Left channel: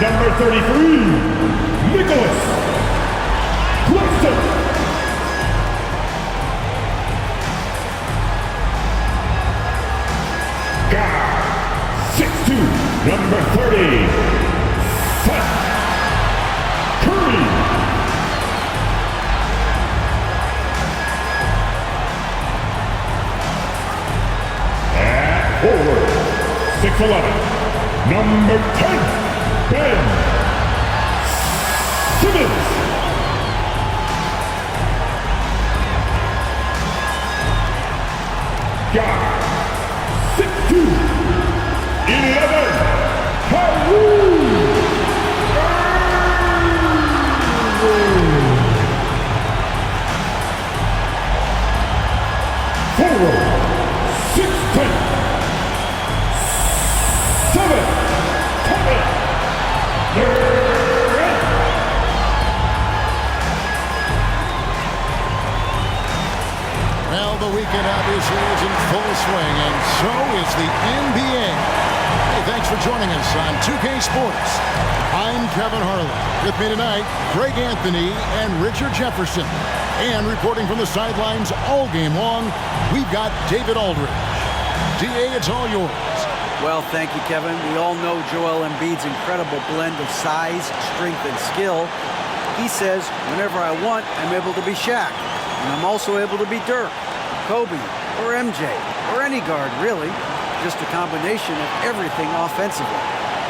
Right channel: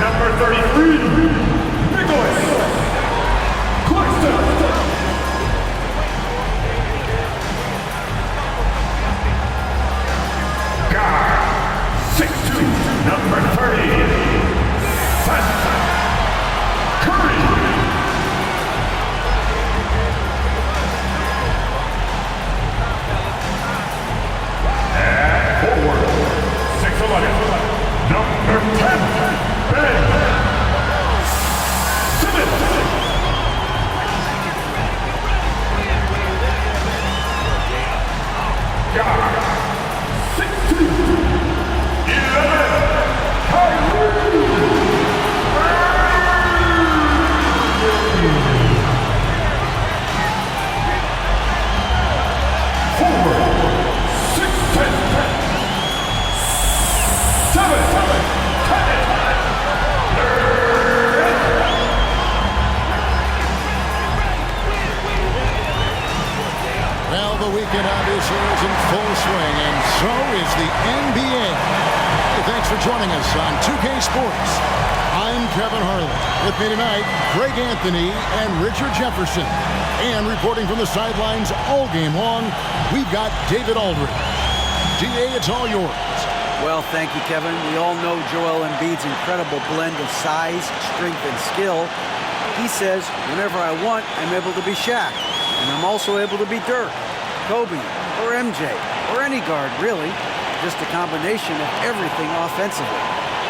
number 33, Nicholas Claxton. Guard, 6'2", number 30, Seth Curry. At forward, 6'11", number 10, Ben Simmons. Guard, 6'2", 11, Haru. Forward, 6'10", 7, Kevin Durant. Well, the weekend obviously is in full swing, and so is the NBA. Hey, thanks for joining us on 2K Sports. I'm Kevin Harlan. With me tonight, Greg Anthony and Richard Jefferson. And reporting from the sidelines all game long, we've got David Aldridge. DA, it's all yours. Well, thank you, Kevin. We all know Joel Embiid's incredible blend of size, strength, and skill. He says, whenever I want, I'm able to be Shaq. And I'm also able to be Dirk, Kobe, or MJ, or any guard, really. Just a combination of everything offensively.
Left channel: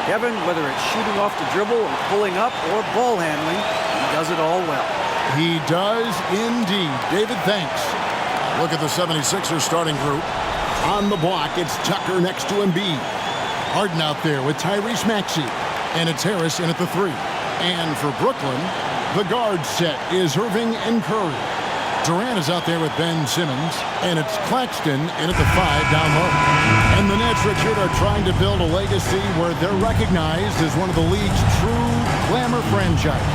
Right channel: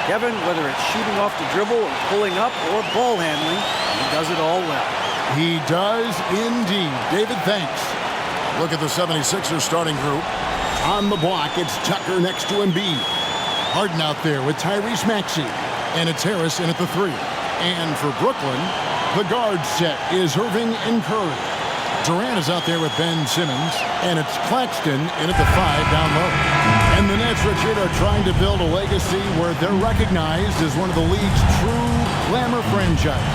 Kevin, whether it's shooting off the dribble or pulling up or ball handling, he does it all well. He does indeed. David, thanks. Look at the 76ers starting group. On the block, it's Tucker next to Embiid. Harden out there with Tyrese Maxey. And it's Harris in at the 3. And for Brooklyn, the guard set is Irving and Curry. Durant is out there with Ben Simmons. And it's Claxton in at the 5 down low. And the Nets, Richard, are trying to build a legacy where they're recognized as one of the league's true glamour franchises.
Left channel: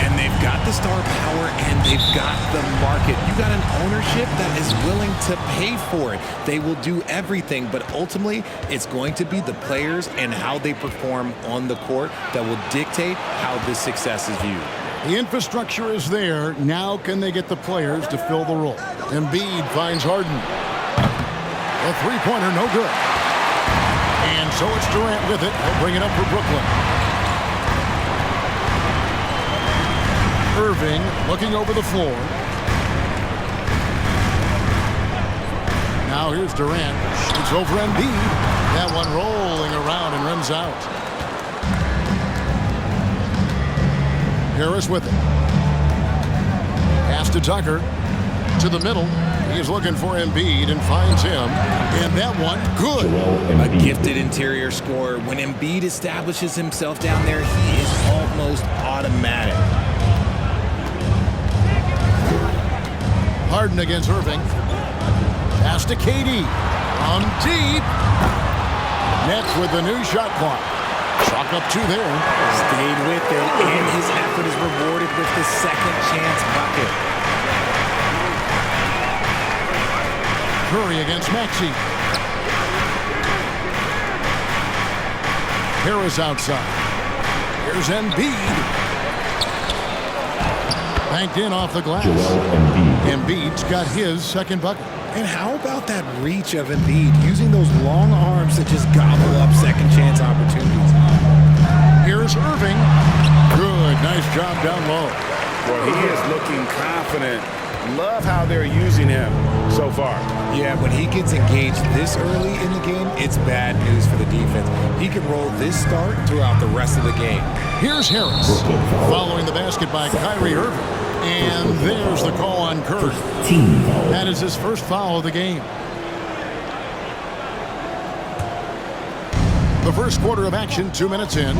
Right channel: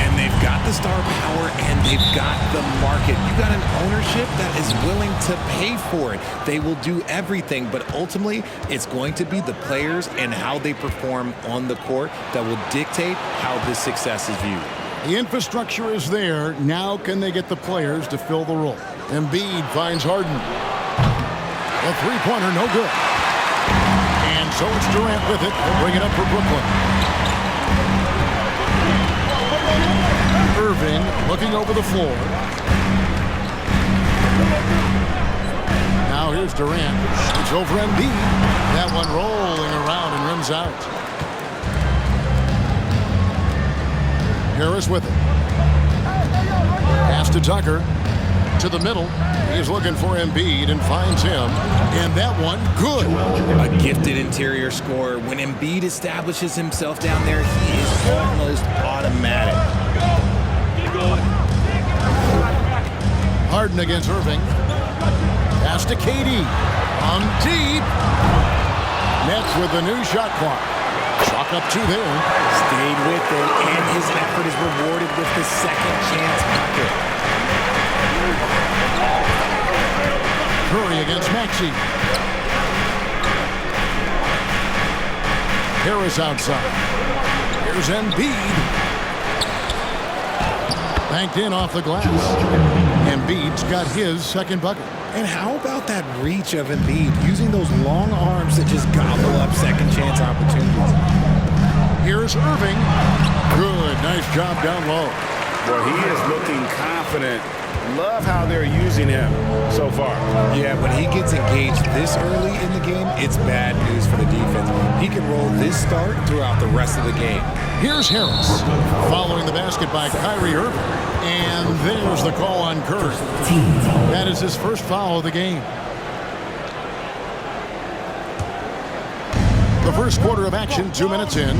And they've got the star power and they've got the market. You got an ownership that is willing to pay for it. They will do everything, but ultimately it's going to be the players and how they perform on the court that will dictate how this success is viewed. The infrastructure is there. Now can they get the players to fill the role? Embiid finds Harden. A three-pointer, no good. And so it's Durant with it. They'll bring it up for Brooklyn. Irving looking over the floor. Now here's Durant. It's over Embiid. That one rolling around and rims out. Harris with it. Pass to Tucker. To the middle. He's looking for Embiid and finds him. And that one, good. A gifted interior scorer. When Embiid establishes himself down there, he is almost automatic. Harden against Irving. Pass to KD. From deep. Nets with the new shot clock. Chalk up 2 there. Stayed with it, and his effort is rewarded with the second chance bucket. Curry against Maxey. Harris outside. Here's Embiid. Banked in off the glass. Embiid's got his second bucket. And how about that reach of Embiid, using those long arms that just gobble up second chance opportunities? Here's Irving. Good, nice job down low. Well, he is looking confident. Love how they're using him so far. Yeah, when he gets engaged this early in the game, it's bad news for the defense. He can roll this start throughout the rest of the game. Here's Harris, following the basket by Kyrie Irving. And there's the call on Curry. That is his first foul of the game. The first quarter of action, 2 minutes in.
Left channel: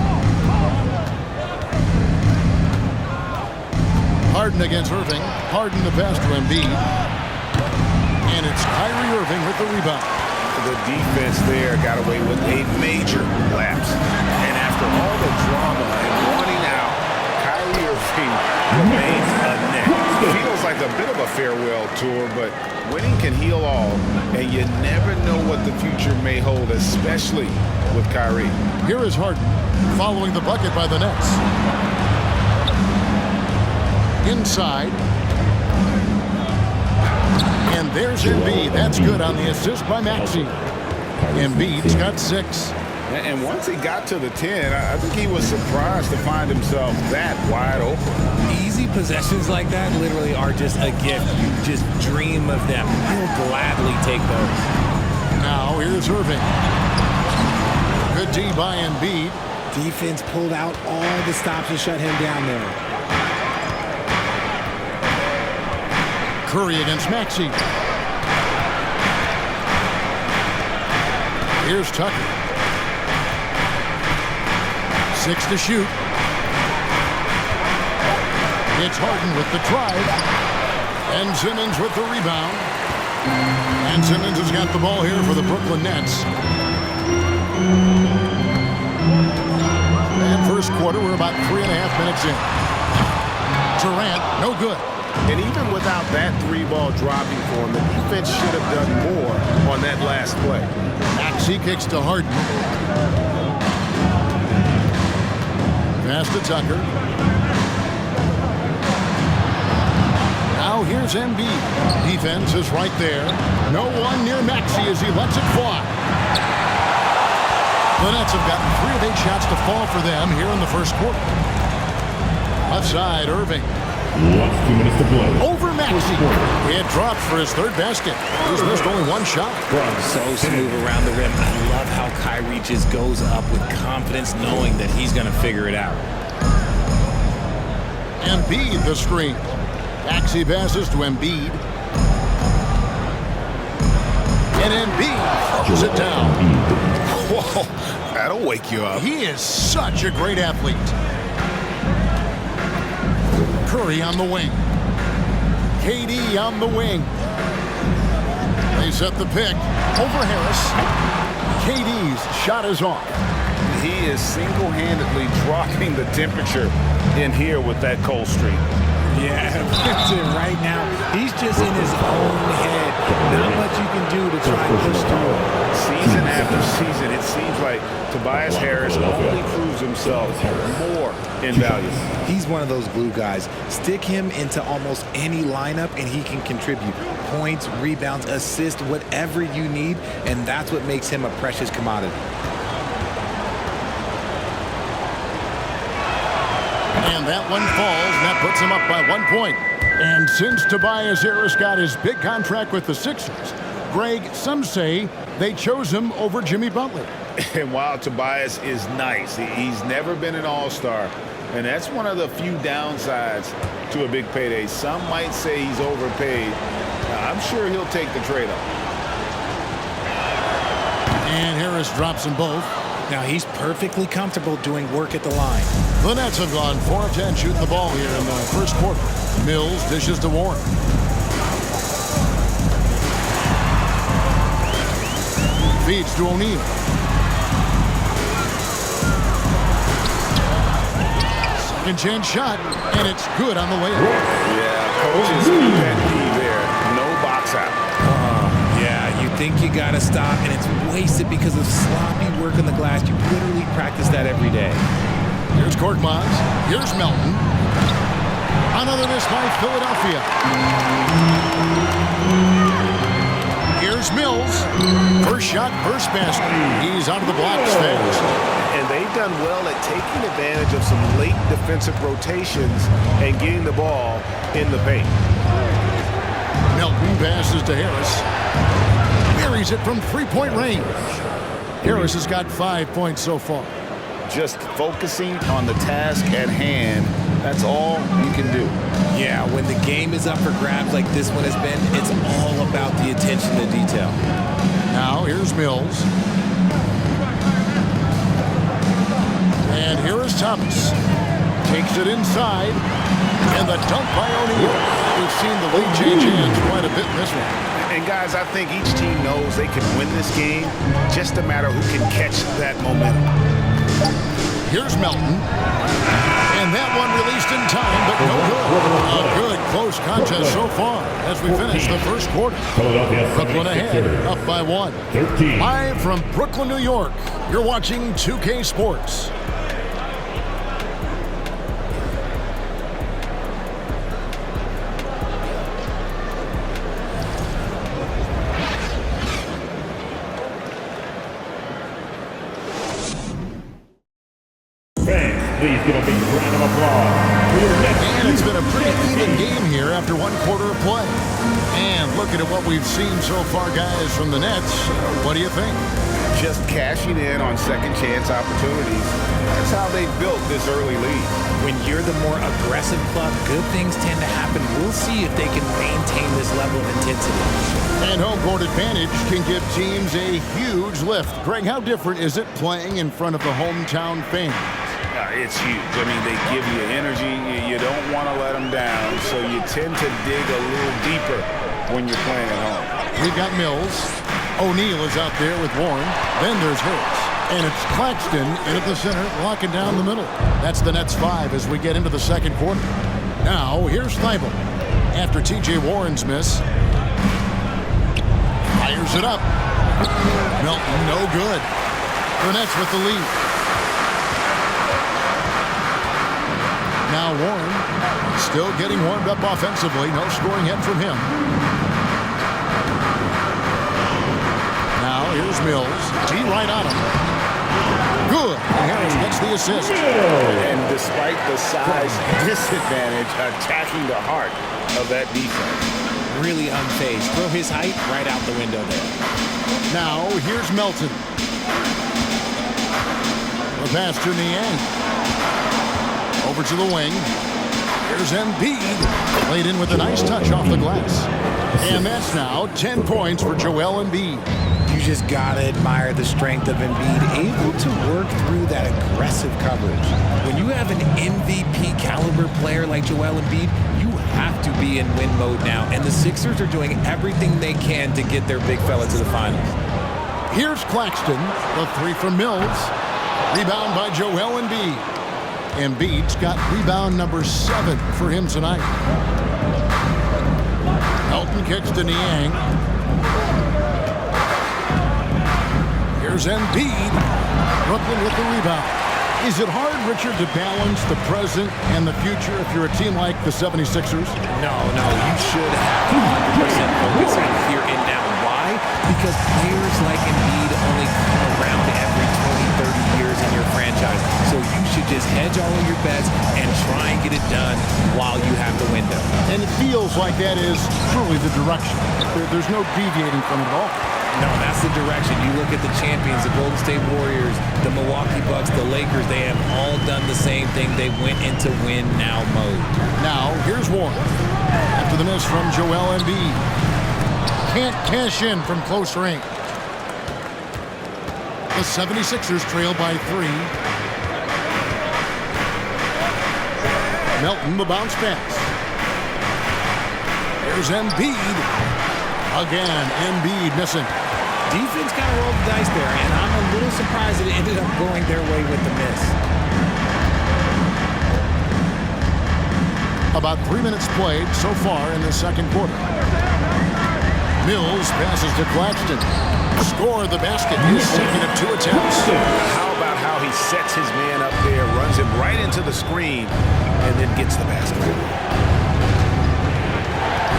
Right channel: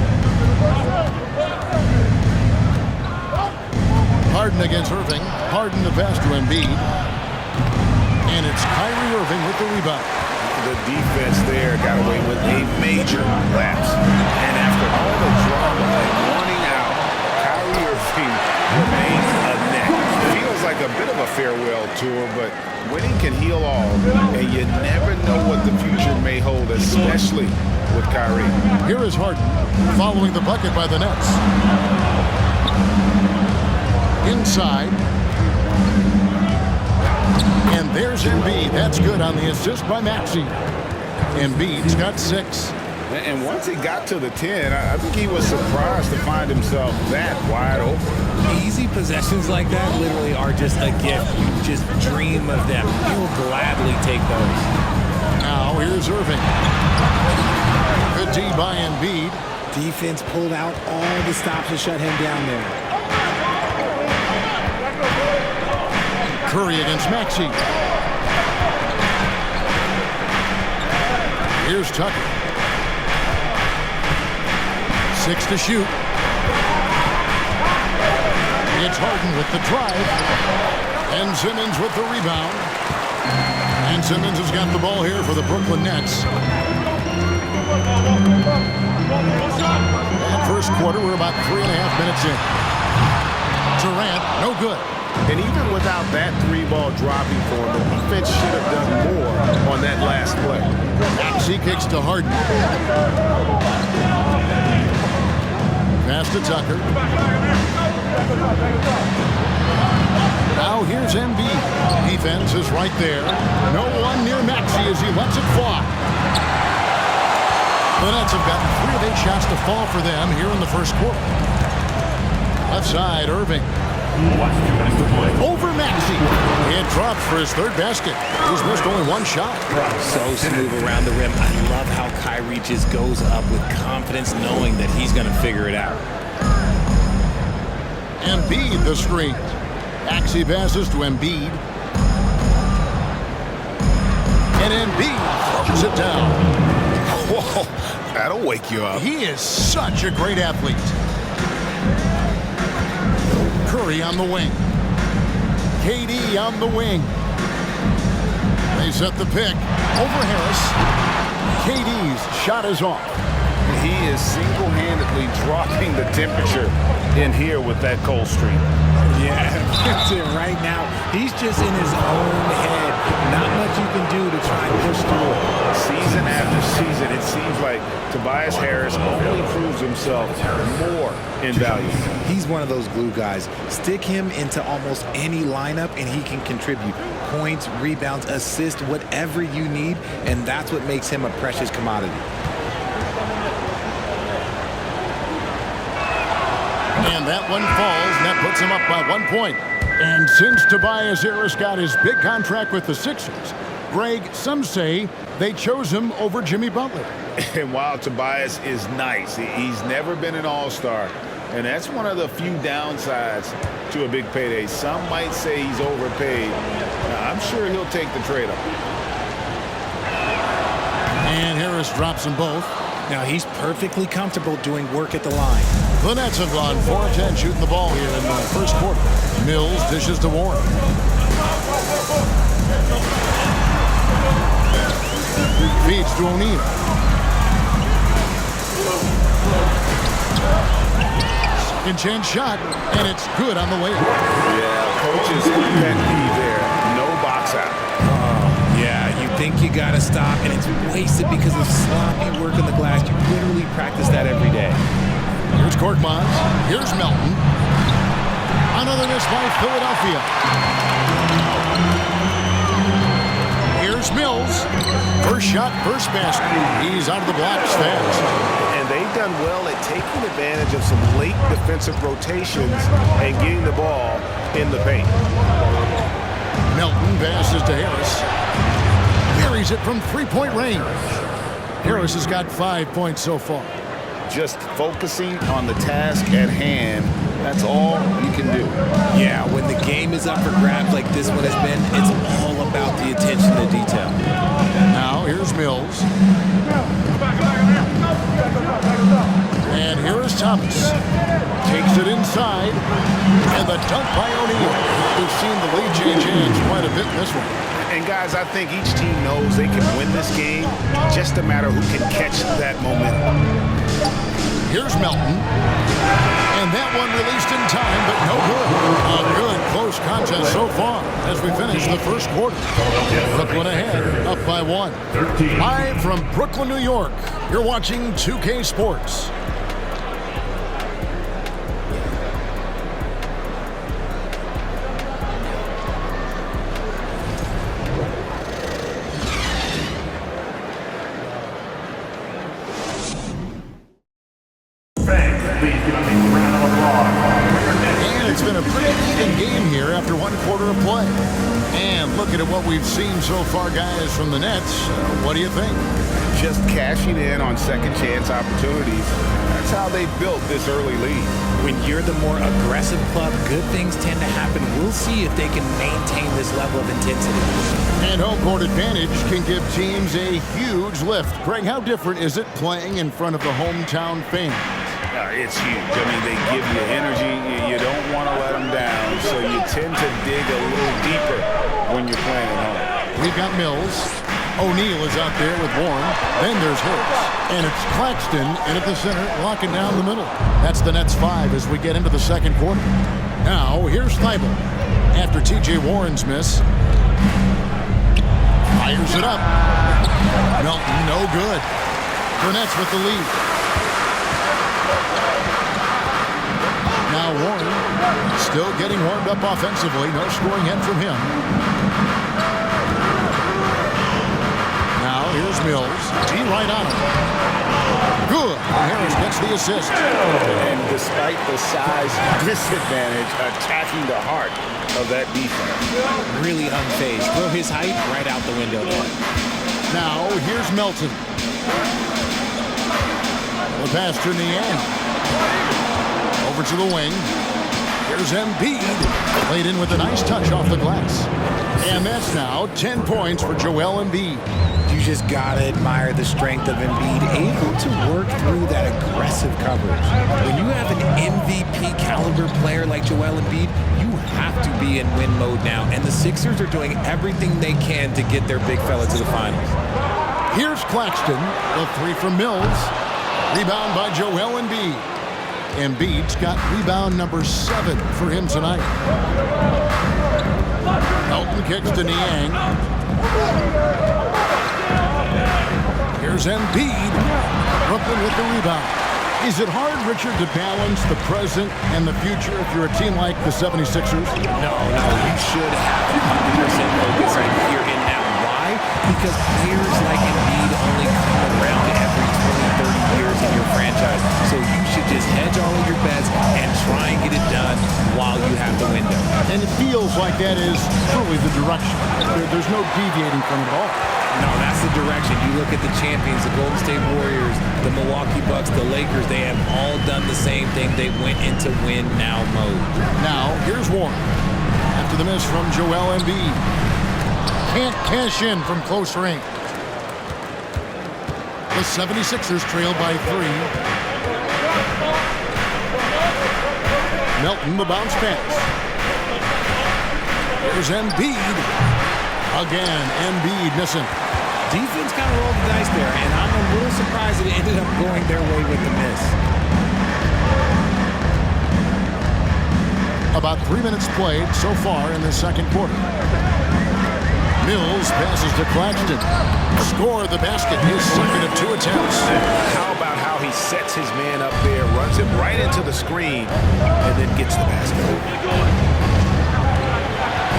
Harden against Irving. Harden the pass to Embiid. And it's Kyrie Irving with the rebound. The defense there got away with a major lapse. And after all the drama and wanting out, Kyrie Irving remains a net. Feels like a bit of a farewell tour, but winning can heal all, and you never know what the future may hold, especially with Kyrie. Here is Harden following the bucket by the Nets. Inside. And there's Embiid. That's good on the assist by Maxey. Embiid's got 6. And once he got to the 10, I think he was surprised to find himself that wide open. Easy possessions like that literally are just a gift. You just dream of them. You'll gladly take those. Now here's Irving. Good D by Embiid. Defense pulled out all the stops to shut him down there. Curry against Maxey. Here's Tucker. 6 to shoot. It's Harden with the drive. And Simmons with the rebound. And Simmons has got the ball here for the Brooklyn Nets. And first quarter, we're about 3.5 minutes in. Durant, no good. And even without that 3-ball dropping for him, the defense should have done more on that last play. Maxey kicks to Harden. Pass to Tucker. Now here's Embiid. Defense is right there. No one near Maxey as he lets it fly. The Nets have gotten 3 of 8 shots to fall for them here in the first quarter. Left side, Irving. Less 2 minutes to play. Over Maxey. It drops for his 3rd basket. He's missed only 1 shot. So smooth around the rim. I love how Kyrie just goes up with confidence knowing that he's going to figure it out. Embiid the screen. Maxey passes to Embiid. And Embiid throws it down. Whoa, that'll wake you up. He is such a great athlete. Curry on the wing. KD on the wing. They set the pick. Over Harris. KD's shot is off. He is single-handedly dropping the temperature in here with that cold streak. Yeah, that's it right now. He's just in his own head. Not much you can do to try and push through it. Season after season, it seems like Tobias Harris only proves himself more invaluable. He's one of those glue guys. Stick him into almost any lineup and he can contribute. Points, rebounds, assists, whatever you need, and that's what makes him a precious commodity. And that one falls, and that puts him up by 1 point. And since Tobias Harris got his big contract with the Sixers, Greg, some say they chose him over Jimmy Butler. And while Tobias is nice, he's never been an all-star. And that's one of the few downsides to a big payday. Some might say he's overpaid. I'm sure he'll take the trade-off. And Harris drops them both. Now he's perfectly comfortable doing work at the line. The Nets have gone 4 of 10 shooting the ball here in the first quarter. Mills dishes to Warren. Feeds to O'Neal. Second chance shot, and it's good on the way up. Yeah, coach's pet peeve there. No box out. Yeah, you think you got to stop, and it's wasted because of sloppy work on the glass. You literally practice that every day. Here's Korkmaz. Here's Melton. Another miss by Philadelphia. Here's Mills. First shot, first basket. He's out of the blocks fast. And they've done well at taking advantage of some late defensive rotations and getting the ball in the paint. Melton passes to Harris. Buries it from 3-point range. Harris has got 5 points so far. Just focusing on the task at hand, that's all you can do. Yeah, when the game is up for grabs like this one has been, it's all about the attention to detail. Now here's Mills. And here is Thomas. Takes it inside. And the dunk by O'Neal. We've seen the lead change hands quite a bit in this one. And guys, I think each team knows they can win this game, just a matter who can catch that momentum. Here's Melton. And that one released in time, but no good. A good, close contest so far as we finish the first quarter. Brooklyn ahead, up by 1. 13. Live from Brooklyn, New York, you're watching 2K Sports. Fans, please give a big round of applause for your next. And it's been a pretty even game here after one quarter of play. And looking at what we've seen so far, guys, from the Nets, what do you think? Just cashing in on second chance opportunities. That's how they built this early lead. When you're the more aggressive club, good things tend to happen. We'll see if they can maintain this level of intensity. And home court advantage can give teams a huge lift. Greg, how different is it playing in front of the hometown fans? It's huge. I mean, they give you energy. You don't want to let them down, so you tend to dig a little deeper when you're playing at home. We've got Mills. O'Neal is out there with Warren. Then there's Harris. And it's Claxton in at the center, locking down the middle. That's the Nets 5 as we get into the second quarter. Now, here's Thibault. After T.J. Warren's miss. Fires it up. Melton, no good. The Nets with the lead. Now Warren still getting warmed up offensively. No scoring yet from him. Now here's Mills. D right on him. Good. And Harris gets the assist. And despite the size disadvantage, attacking the heart of that defense. Really unfazed. Throw his height right out the window there. Now here's Melton. The pass to Niang. Over to the wing. Here's Embiid. Laid in with a nice touch off the glass. And that's now 10 points for Joel Embiid. You just gotta admire the strength of Embiid, able to work through that aggressive coverage. When you have an MVP caliber player like Joel Embiid, you have to be in win mode now. And the Sixers are doing everything they can to get their big fella to the finals. Here's Claxton. The 3 from Mills. Rebound by Joel Embiid. Embiid's got rebound number 7 for him tonight. Melton kicks to Niang. Here's Embiid. Brooklyn with the rebound. Is it hard, Richard, to balance the present and the future if you're a team like the 76ers? No, you should have 100% focus on here and now. Why? Because players like Embiid only come around every 20, 30 years in your franchise. So you should just hedge all of your bets and try and get it done while you have the window. And it feels like that is truly the direction. There's no deviating from it at all. No, that's the direction. You look at the champions, the Golden State Warriors, the Milwaukee Bucks, the Lakers, they have all done the same thing. They went into win-now mode. Now, here's Warren. After the miss from Joel Embiid. Can't cash in from close range. The 76ers trail by 3. Melton, the bounce pass. Here's Embiid. Again, Embiid missing. Defense kind of rolled the dice there, and I'm a little surprised that it ended up going their way with the miss. About 3 minutes played so far in the second quarter. Mills passes to Claxton. Score the basket, his second of 2 attempts. How about how he sets his man up there, runs him right into the screen, and then gets the basket.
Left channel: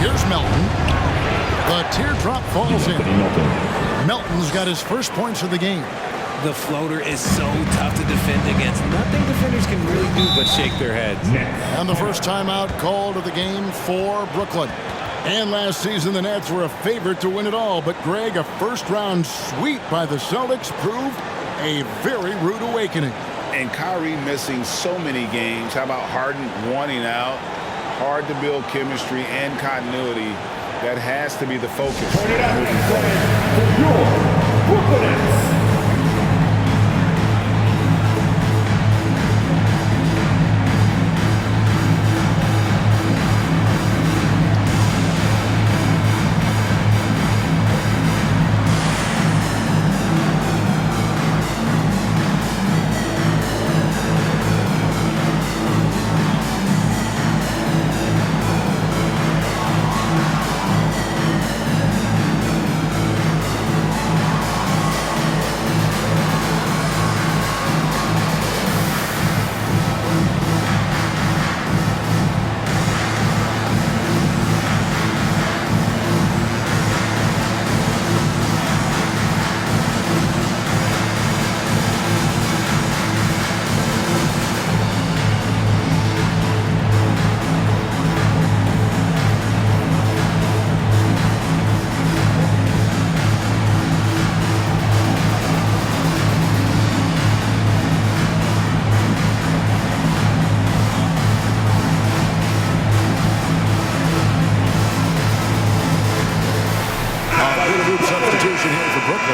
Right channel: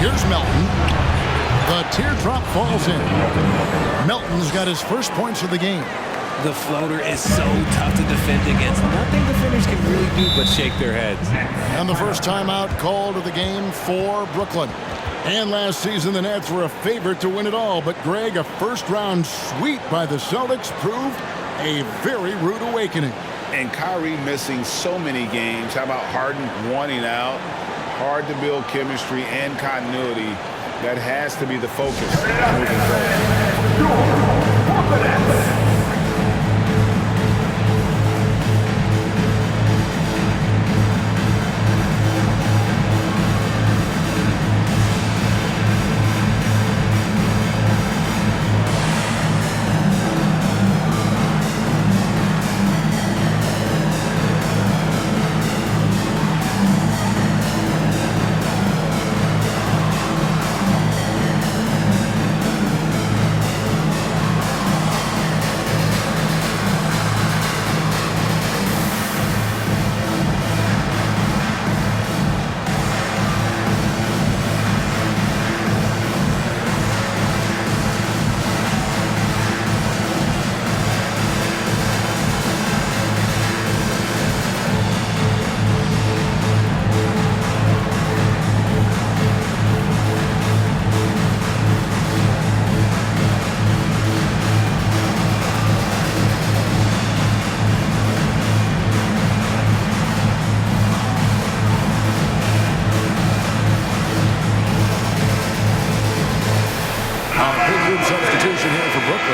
Here's Melton. The teardrop falls in. Melton's got his first points of the game. The floater is so tough to defend against. Nothing defenders can really do but shake their heads. And the first timeout called of the game for Brooklyn. And last season, the Nets were a favorite to win it all. But, Greg, a first-round sweep by the Celtics proved a very rude awakening. And Kyrie missing so many games. How about Harden wanting out? Hard to build chemistry and continuity. That has to be the focus moving forward. Your Brooklyn Nets.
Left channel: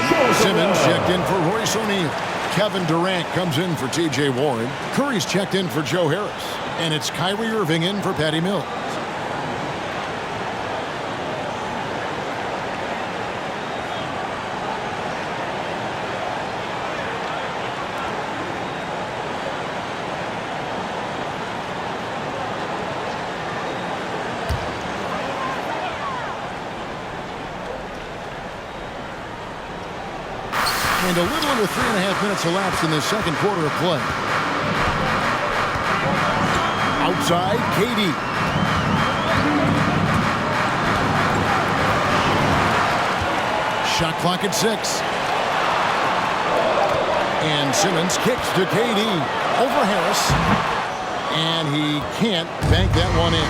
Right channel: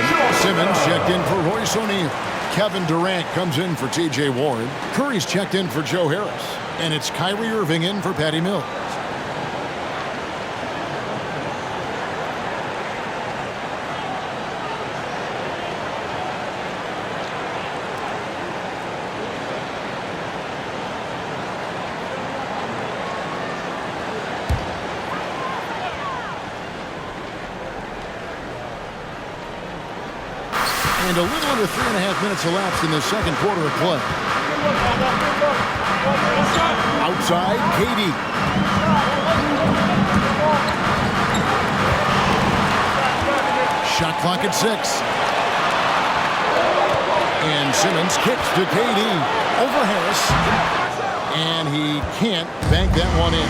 Brooklyn. Simmons checked in for Royce O'Neal. Kevin Durant comes in for T.J. Warren. Curry's checked in for Joe Harris. And it's Kyrie Irving in for Patty Mills. And a little under 3.5 minutes elapsed in the second quarter of play. Outside, KD. Shot clock at 6. And Simmons kicks to KD over Harris. And he can't bank that one in.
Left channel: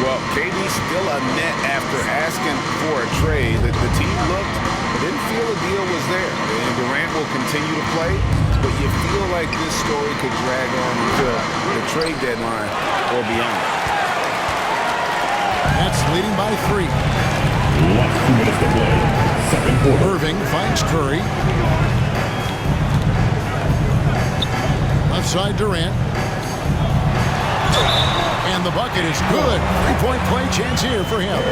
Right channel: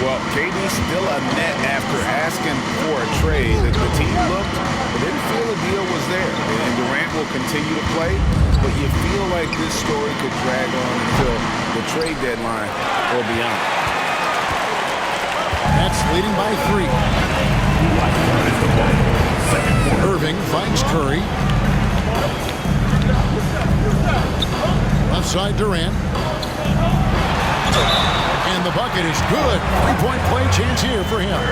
Well, KD's still a net after asking for a trade. The team looked, but didn't feel a deal was there. And Durant will continue to play, but you feel like this story could drag on until the trade deadline or beyond. That's leading by 3. Last 2 minutes to play. Second quarter. Irving finds Curry. Left side Durant. And the bucket is good. 3-point play chance here for him.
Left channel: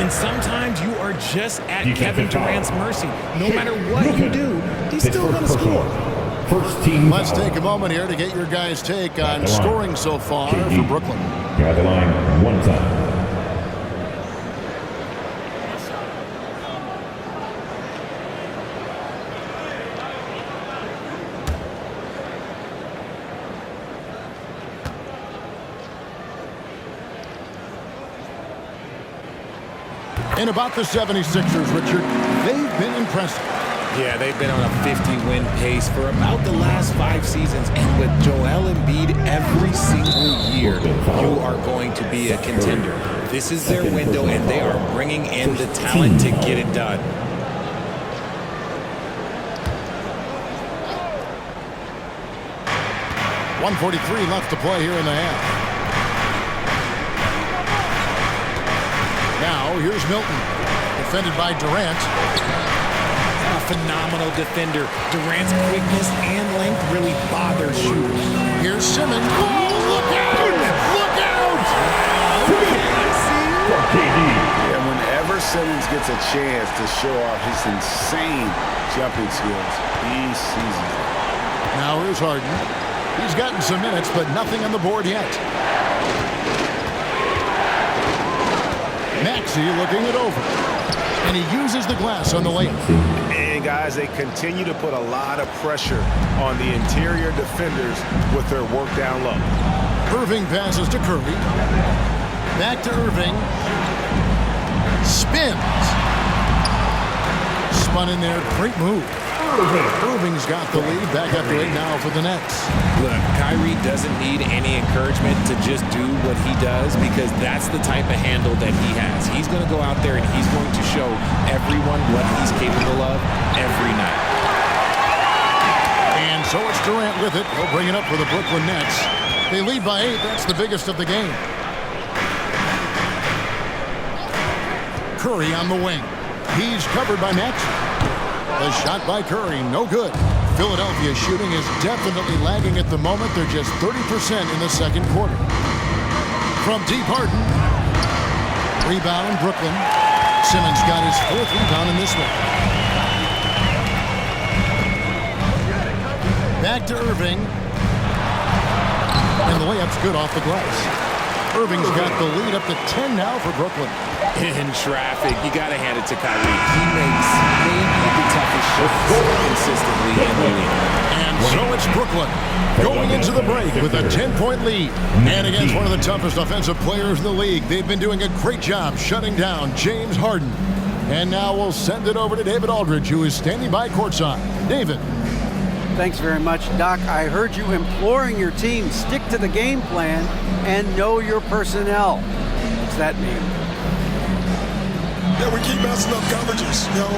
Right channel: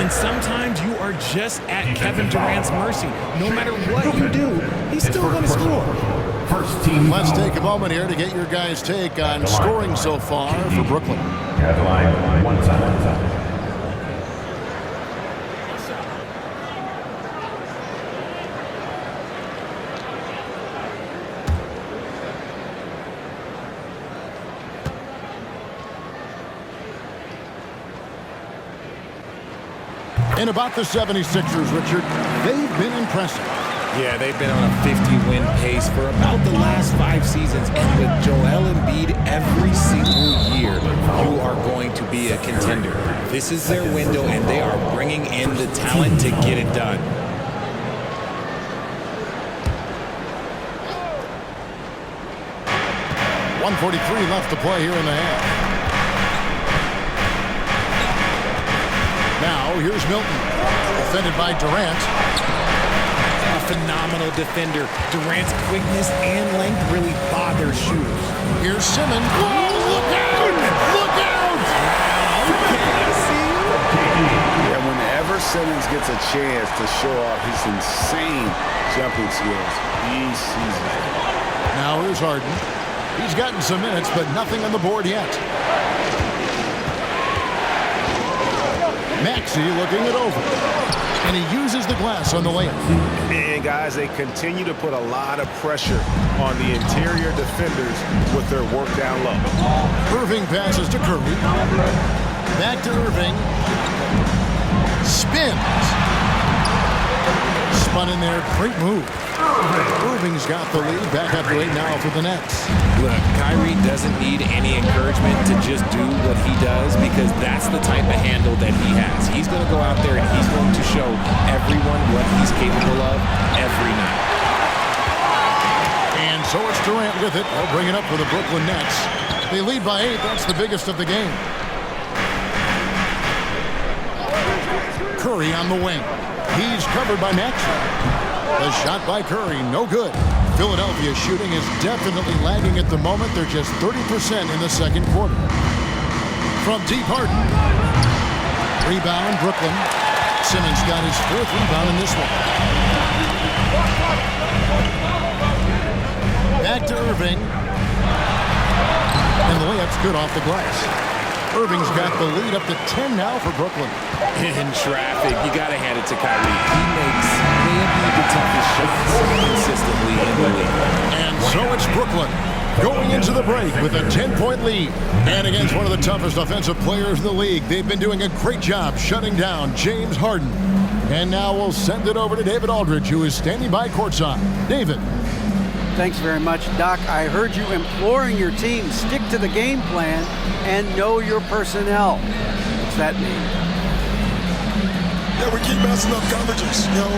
And sometimes you are just at Kevin Durant's mercy. No matter what you do, he's still going to score. First team. Let's take a moment here to get your guys' take on scoring so far for Brooklyn. At the line, 1 time. And about the 76ers, Richard, they've been impressive. Yeah, they've been on a 50-win pace for about the last 5 seasons. And with Joel Embiid every single year, you are going to be a contender. This is their window, and they are bringing in the talent to get it done. .143 left to play here in the half. Now, here's Milton, defended by Durant. A phenomenal defender. Durant's quickness and length really bother shooters. Here's Simmons. Oh, look out! Look out! Okay, I see you. Yeah, whenever Simmons gets a chance to show off his insane jumping skills, he seizes it. Now here's Harden. He's gotten some minutes, but nothing on the board yet. Maxey looking it over. And he uses the glass on the layup. And guys, they continue to put a lot of pressure on the interior defenders with their work down low. Irving passes to Curry. Back to Irving. Spins. Spun in there. Great move. Irving's got the lead. Back up to 8 now for the Nets. Look, Kyrie doesn't need any encouragement to just do what he does because that's the type of handle that he has. He's going to go out there and he's going to show everyone what he's capable of every night. And so it's Durant with it. He'll bring it up for the Brooklyn Nets. They lead by 8. That's the biggest of the game. Curry on the wing. He's covered by Maxey. The shot by Curry, no good. Philadelphia shooting is definitely lagging at the moment. They're just 30% in the second quarter. From deep, Harden. Rebound, Brooklyn. Simmons got his 4th rebound in this one. Back to Irving. And the layup's good off the glass. Irving's got the lead up to 10 now for Brooklyn. In traffic, you got to hand it to Kyrie. He makes maybe the toughest shots consistently in the league. And so it's Brooklyn going into the break with a 10-point lead. And against one of the toughest offensive players in the league, they've been doing a great job shutting down James Harden. And now we'll send it over to David Aldridge, who is standing by courtside. David. Thanks very much, Doc. I heard you imploring your team stick to the game plan and know your personnel. What's that mean? Yeah, we keep messing up coverages. You know,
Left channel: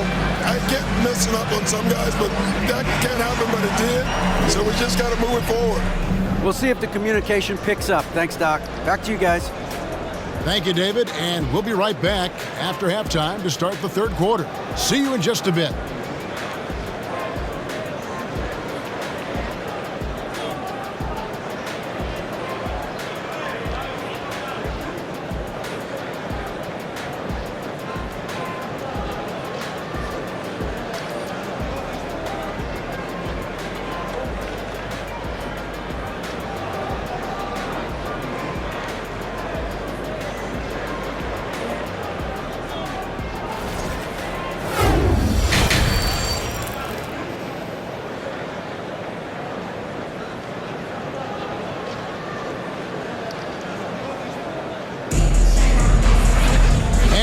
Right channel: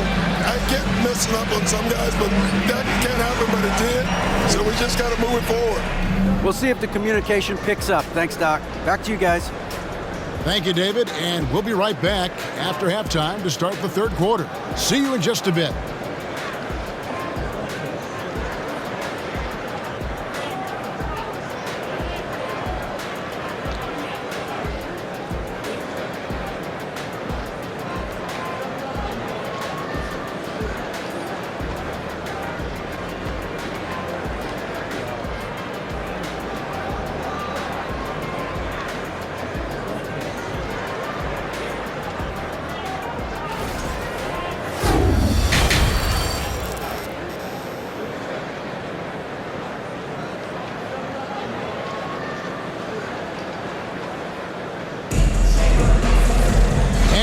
I get messing up on some guys, but that can't happen, but it did. So we just got to move it forward. We'll see if the communication picks up. Thanks, Doc. Back to you guys. Thank you, David. And we'll be right back after halftime to start the third quarter. See you in just a bit.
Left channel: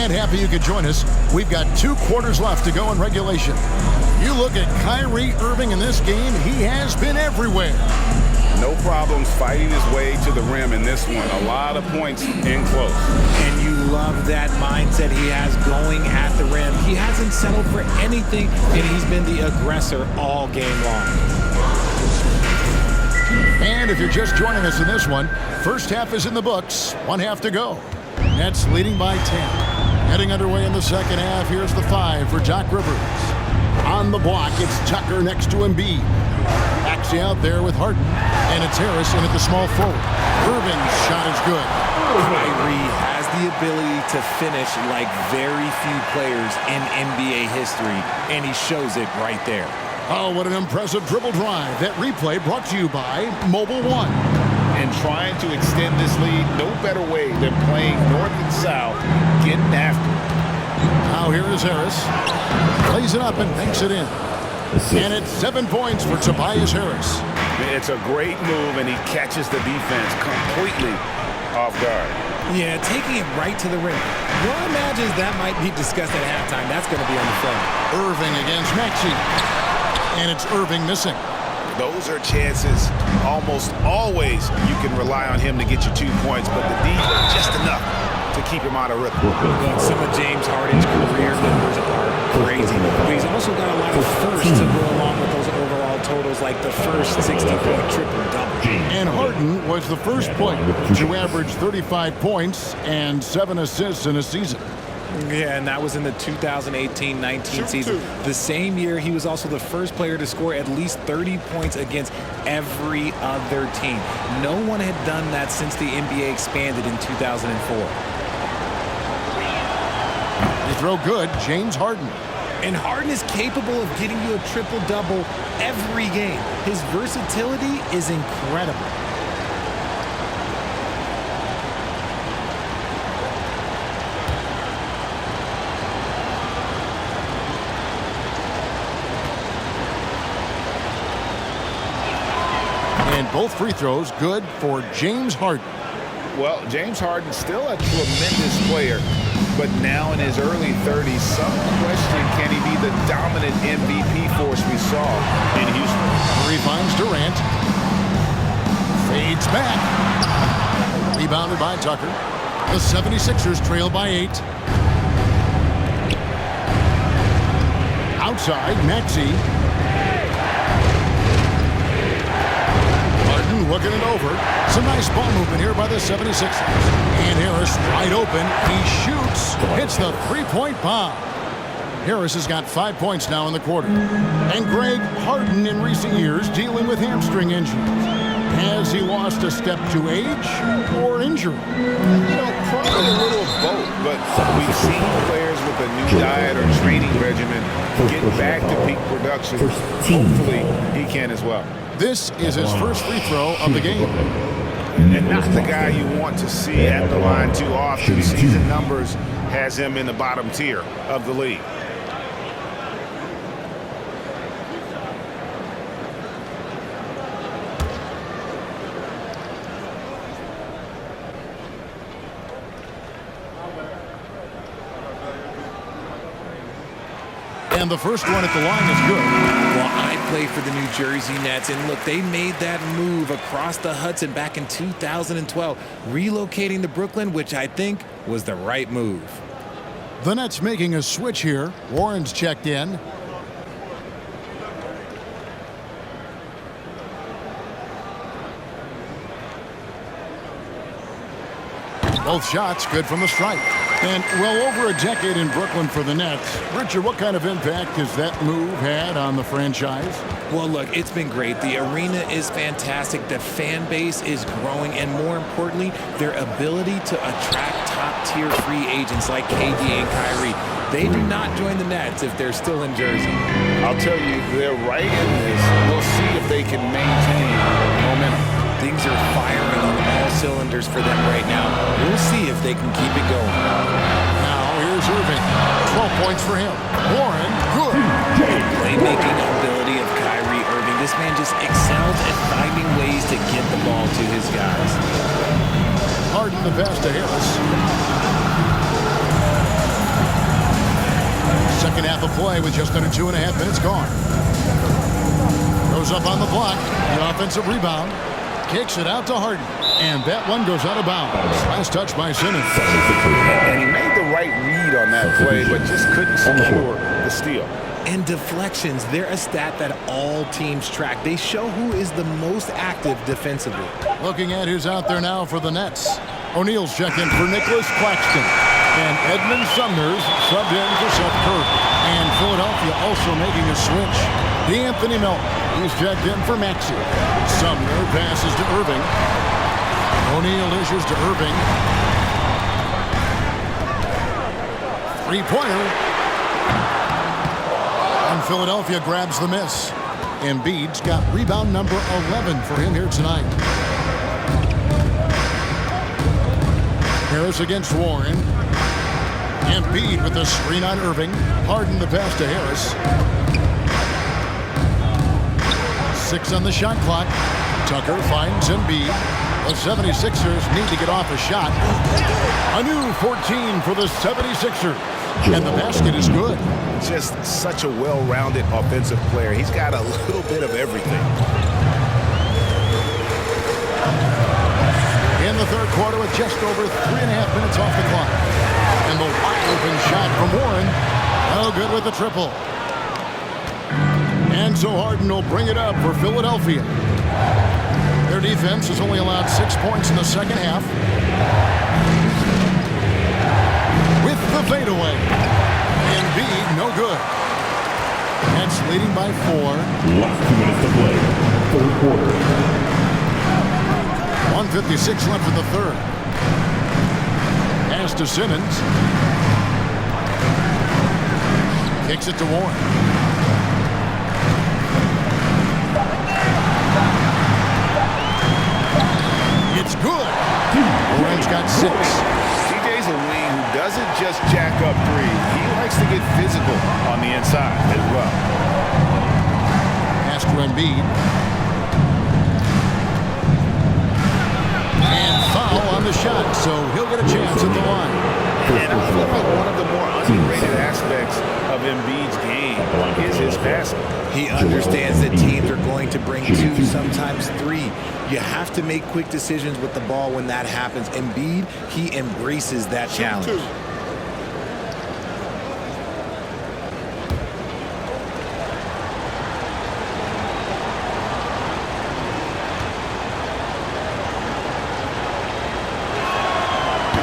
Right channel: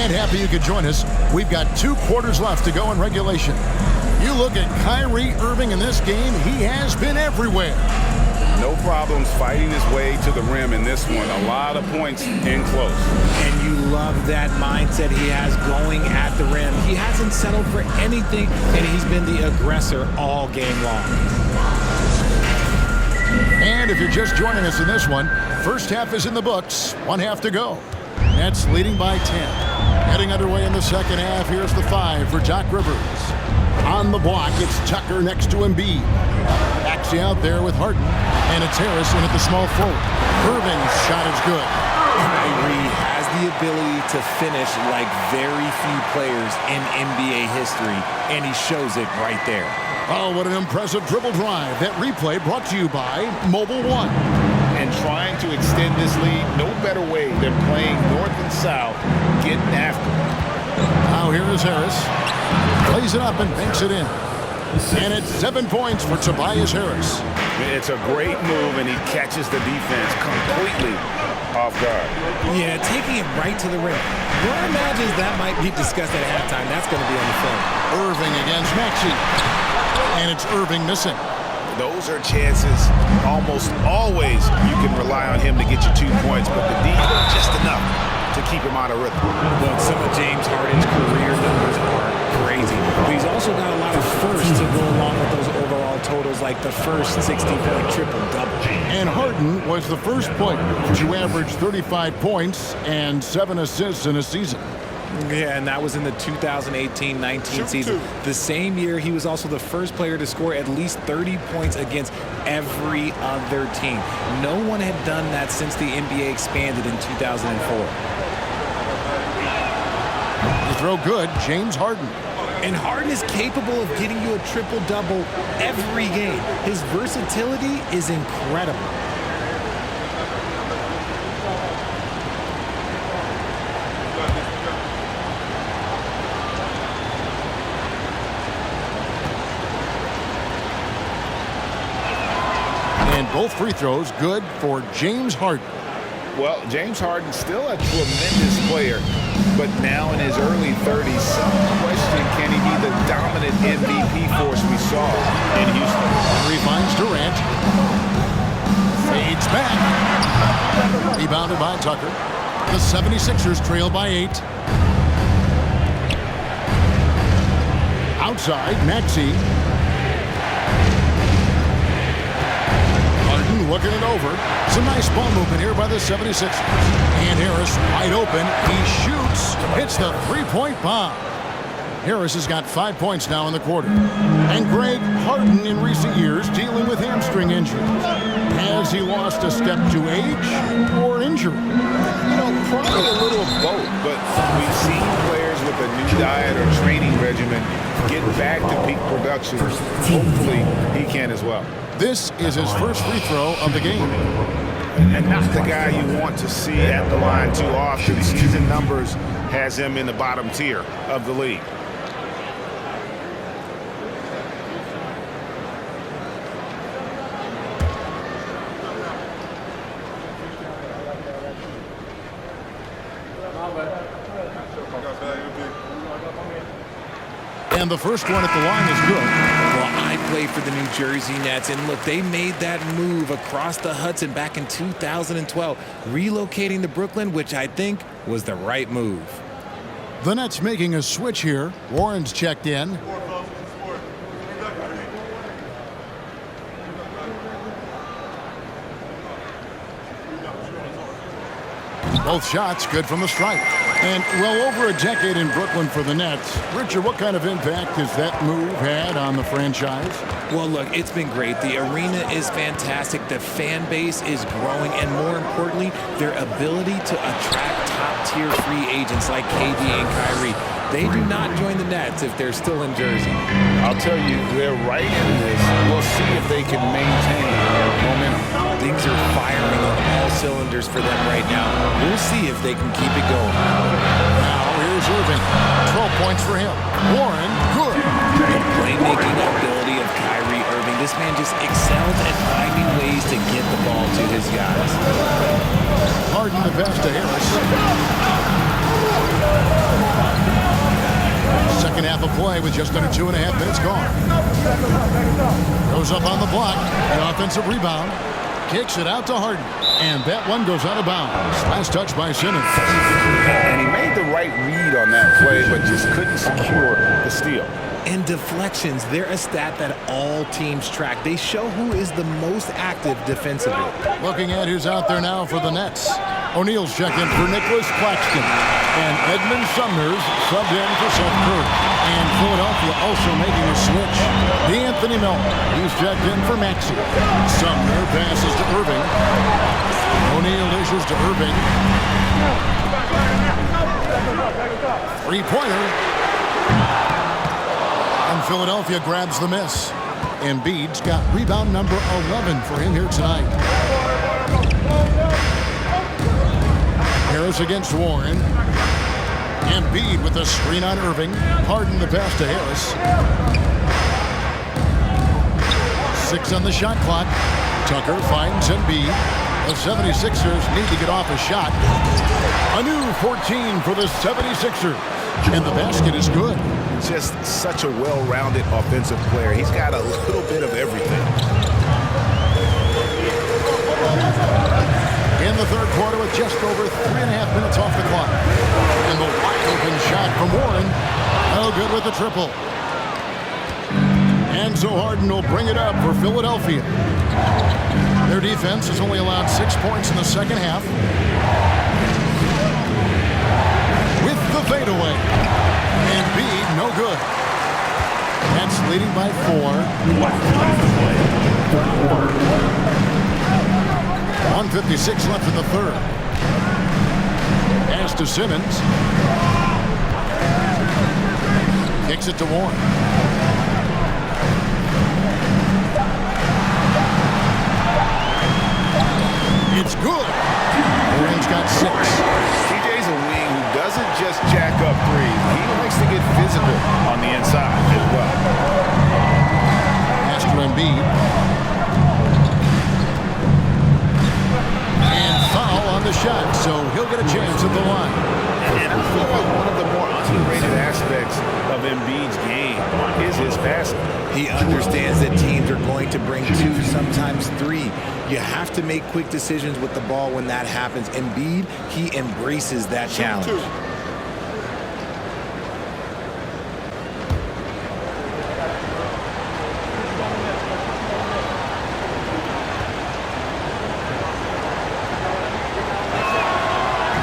And happy you could join us. We've got 2 quarters left to go in regulation. You look at Kyrie Irving in this game, he has been everywhere. No problems fighting his way to the rim in this one. A lot of points in close. And you love that mindset he has going at the rim. He hasn't settled for anything, and he's been the aggressor all game long. And if you're just joining us in this one, first half is in the books. 1 half to go. Nets leading by 10. Heading underway in the second half. Here's the 5 for Doc Rivers. On the block, it's Tucker next to Embiid. Maxey out there with Harden. And it's Harris in at the small forward. Irving's shot is good. Kyrie has the ability to finish like very few players in NBA history, and he shows it right there. Oh, what an impressive dribble drive. That replay brought to you by Mobile One. And trying to extend this lead, no better way than playing north and south, getting after it. Now here is Harris. Plays it up and banks it in. And it's 7 points for Tobias Harris. It's a great move, and he catches the defense completely off guard. Yeah, taking it right to the rim. One imagines that might be discussed at halftime. That's going to be on the film. Irving against Maxey. And it's Irving missing. Those are chances almost always you can rely on him to get you 2 points, but the D, just enough to keep him out of rhythm. Look, some of James Harden's career numbers are crazy, but he's also got a lot of firsts to go along with those overall totals, like the first 60-point triple-double. And Harden was the first player to average 35 points and 7 assists in a season. Yeah, and that was in the 2018-19 season. The same year, he was also the first player to score at least 30 points against every other team. No one had done that since the NBA expanded in 2004. You throw good, James Harden. And Harden is capable of getting you a triple-double every game. His versatility is incredible. And both free throws good for James Harden. Well, James Harden still a tremendous player, but now in his early 30s, some question, can he be the dominant MVP force we saw in Houston? Murray finds Durant. Fades back. Rebounded by Tucker. The 76ers trail by 8. Outside, Maxey. Harden looking it over. Some nice ball movement here by the 76ers. And Harris wide open. He shoots. Hits the three-point bomb. Harris has got 5 points now in the quarter. And Greg, Harden in recent years dealing with hamstring injuries. Has he lost a step to age or injury? You know, probably a little of both, but we've seen players with a new diet or training regimen get back to peak production. Hopefully, he can as well. This is his first free throw of the game. And not the guy you want to see at the line too often. Season numbers has him in the bottom tier of the league. And the first one at the line is good. Well, I play for the New Jersey Nets, and look, they made that move across the Hudson back in 2012, relocating to Brooklyn, which I think was the right move. The Nets making a switch here. Warren's checked in. Both shots good from the stripe. And well over a decade in Brooklyn for the Nets. Richard, what kind of impact has that move had on the franchise? Well, look, it's been great. The arena is fantastic. The fan base is growing. And more importantly, their ability to attract top-tier free agents like KD and Kyrie. They do not join the Nets if they're still in Jersey. I'll tell you, they're right in this. We'll see if they can maintain momentum. Things are firing on all cylinders for them right now. We'll see if they can keep it going. Now here's Irving. 12 points for him. Warren, good. The playmaking ability of Kyrie Irving. This man just excels at finding ways to get the ball to his guys. Harden the pass to Harris. Second half of play with just under 2.5 minutes gone. Goes up on the block. The offensive rebound. Kicks it out to Harden. And that one goes out of bounds. Last touch by Simmons. And he made the right read on that play, but just couldn't secure the steal. And deflections, they're a stat that all teams track. They show who is the most active defensively. Looking at who's out there now for the Nets. O'Neal's checked in for Nicholas Claxton. And Edmund Sumner's subbed in for Seth Curry. And Philadelphia also making a switch. D'Anthony Melton, he's checked in for Maxey. Sumner passes to Irving. O'Neal dishes to Irving. Three-pointer. And Philadelphia grabs the miss. Embiid's got rebound number 11 for him here tonight. Harris against Warren. Embiid with the screen on Irving. Harden the pass to Harris. 6 on the shot clock. Tucker finds Embiid. The 76ers need to get off a shot. A new 14 for the 76ers. And the basket is good. Just such a well-rounded offensive player. He's got a little bit of everything. In the third quarter with just over 3.5 minutes off the clock. And the wide-open shot from Warren. No good with the triple. And so Harden will bring it up for Philadelphia. Their defense has only allowed 6 points in the second half. With the fadeaway. Embiid, no good. Nets leading by 4. Last 2 minutes to play. Fourth quarter. 1:56 left in the third. Pass to Simmons. Kicks it to Warren. It's good. Warren's got 6. TJ's a wing who doesn't just jack up threes. He likes to get physical on the inside as well. Pass to Embiid. And foul on the shot, so he'll get a chance at the line. And I feel like one of the more underrated aspects of Embiid's game is his passing. He understands that teams are going to bring 2, sometimes 3. You have to make quick decisions with the ball when that happens. Embiid, he embraces that challenge.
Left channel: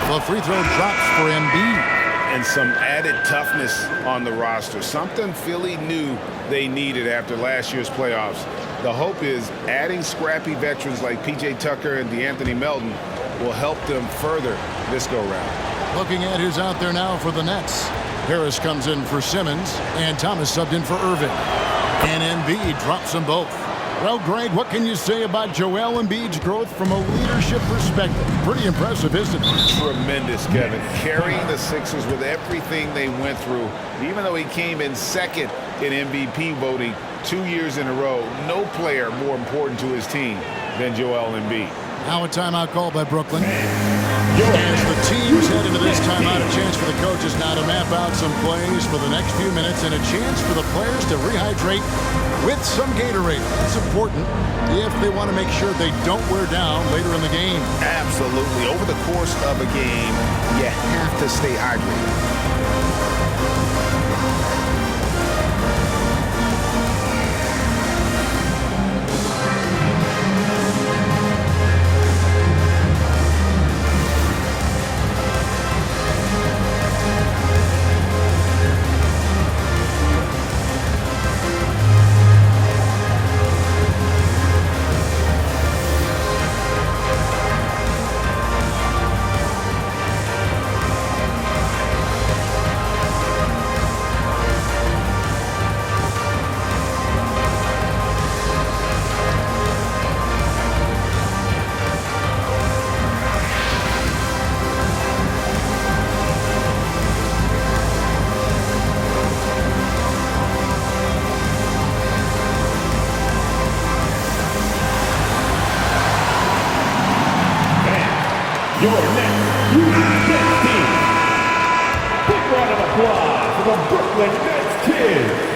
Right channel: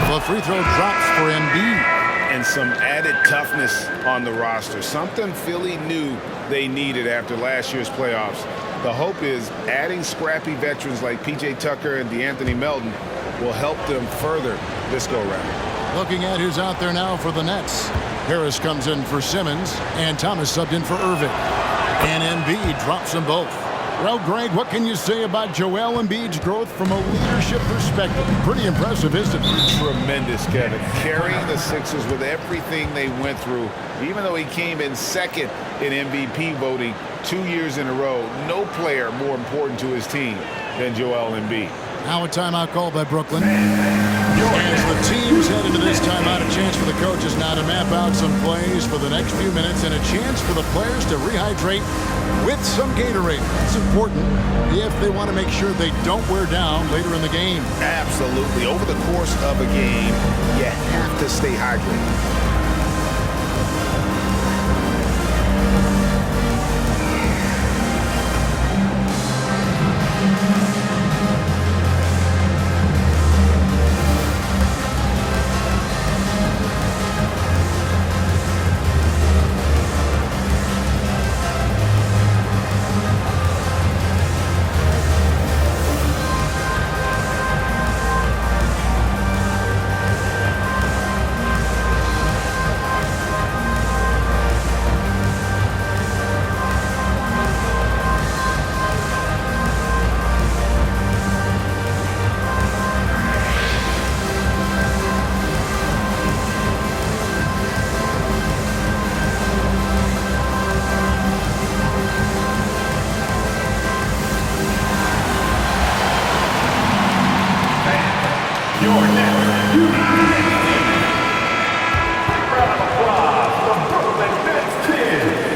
The free throw drops for Embiid. And some added toughness on the roster. Something Philly knew they needed after last year's playoffs. The hope is adding scrappy veterans like P.J. Tucker and D'Anthony Melton will help them further this go-round. Looking at who's out there now for the Nets. Harris comes in for Simmons, and Thomas subbed in for Irving. And Embiid drops them both. Well, Greg, what can you say about Joel Embiid's growth from a leadership perspective? Pretty impressive, isn't it? Tremendous, Kevin. Carrying the Sixers with everything they went through. Even though he came in second in MVP voting 2 years in a row, no player more important to his team than Joel Embiid. Now a timeout called by Brooklyn. As the teams head into this timeout, a chance for the coaches now to map out some plays for the next few minutes and a chance for the players to rehydrate with some Gatorade. That's important if they want to make sure they don't wear down later in the game. Absolutely. Over the course of a game, you have to stay hydrated. Your next United States team. Big round of applause. applause for the Brooklyn Nets Kids.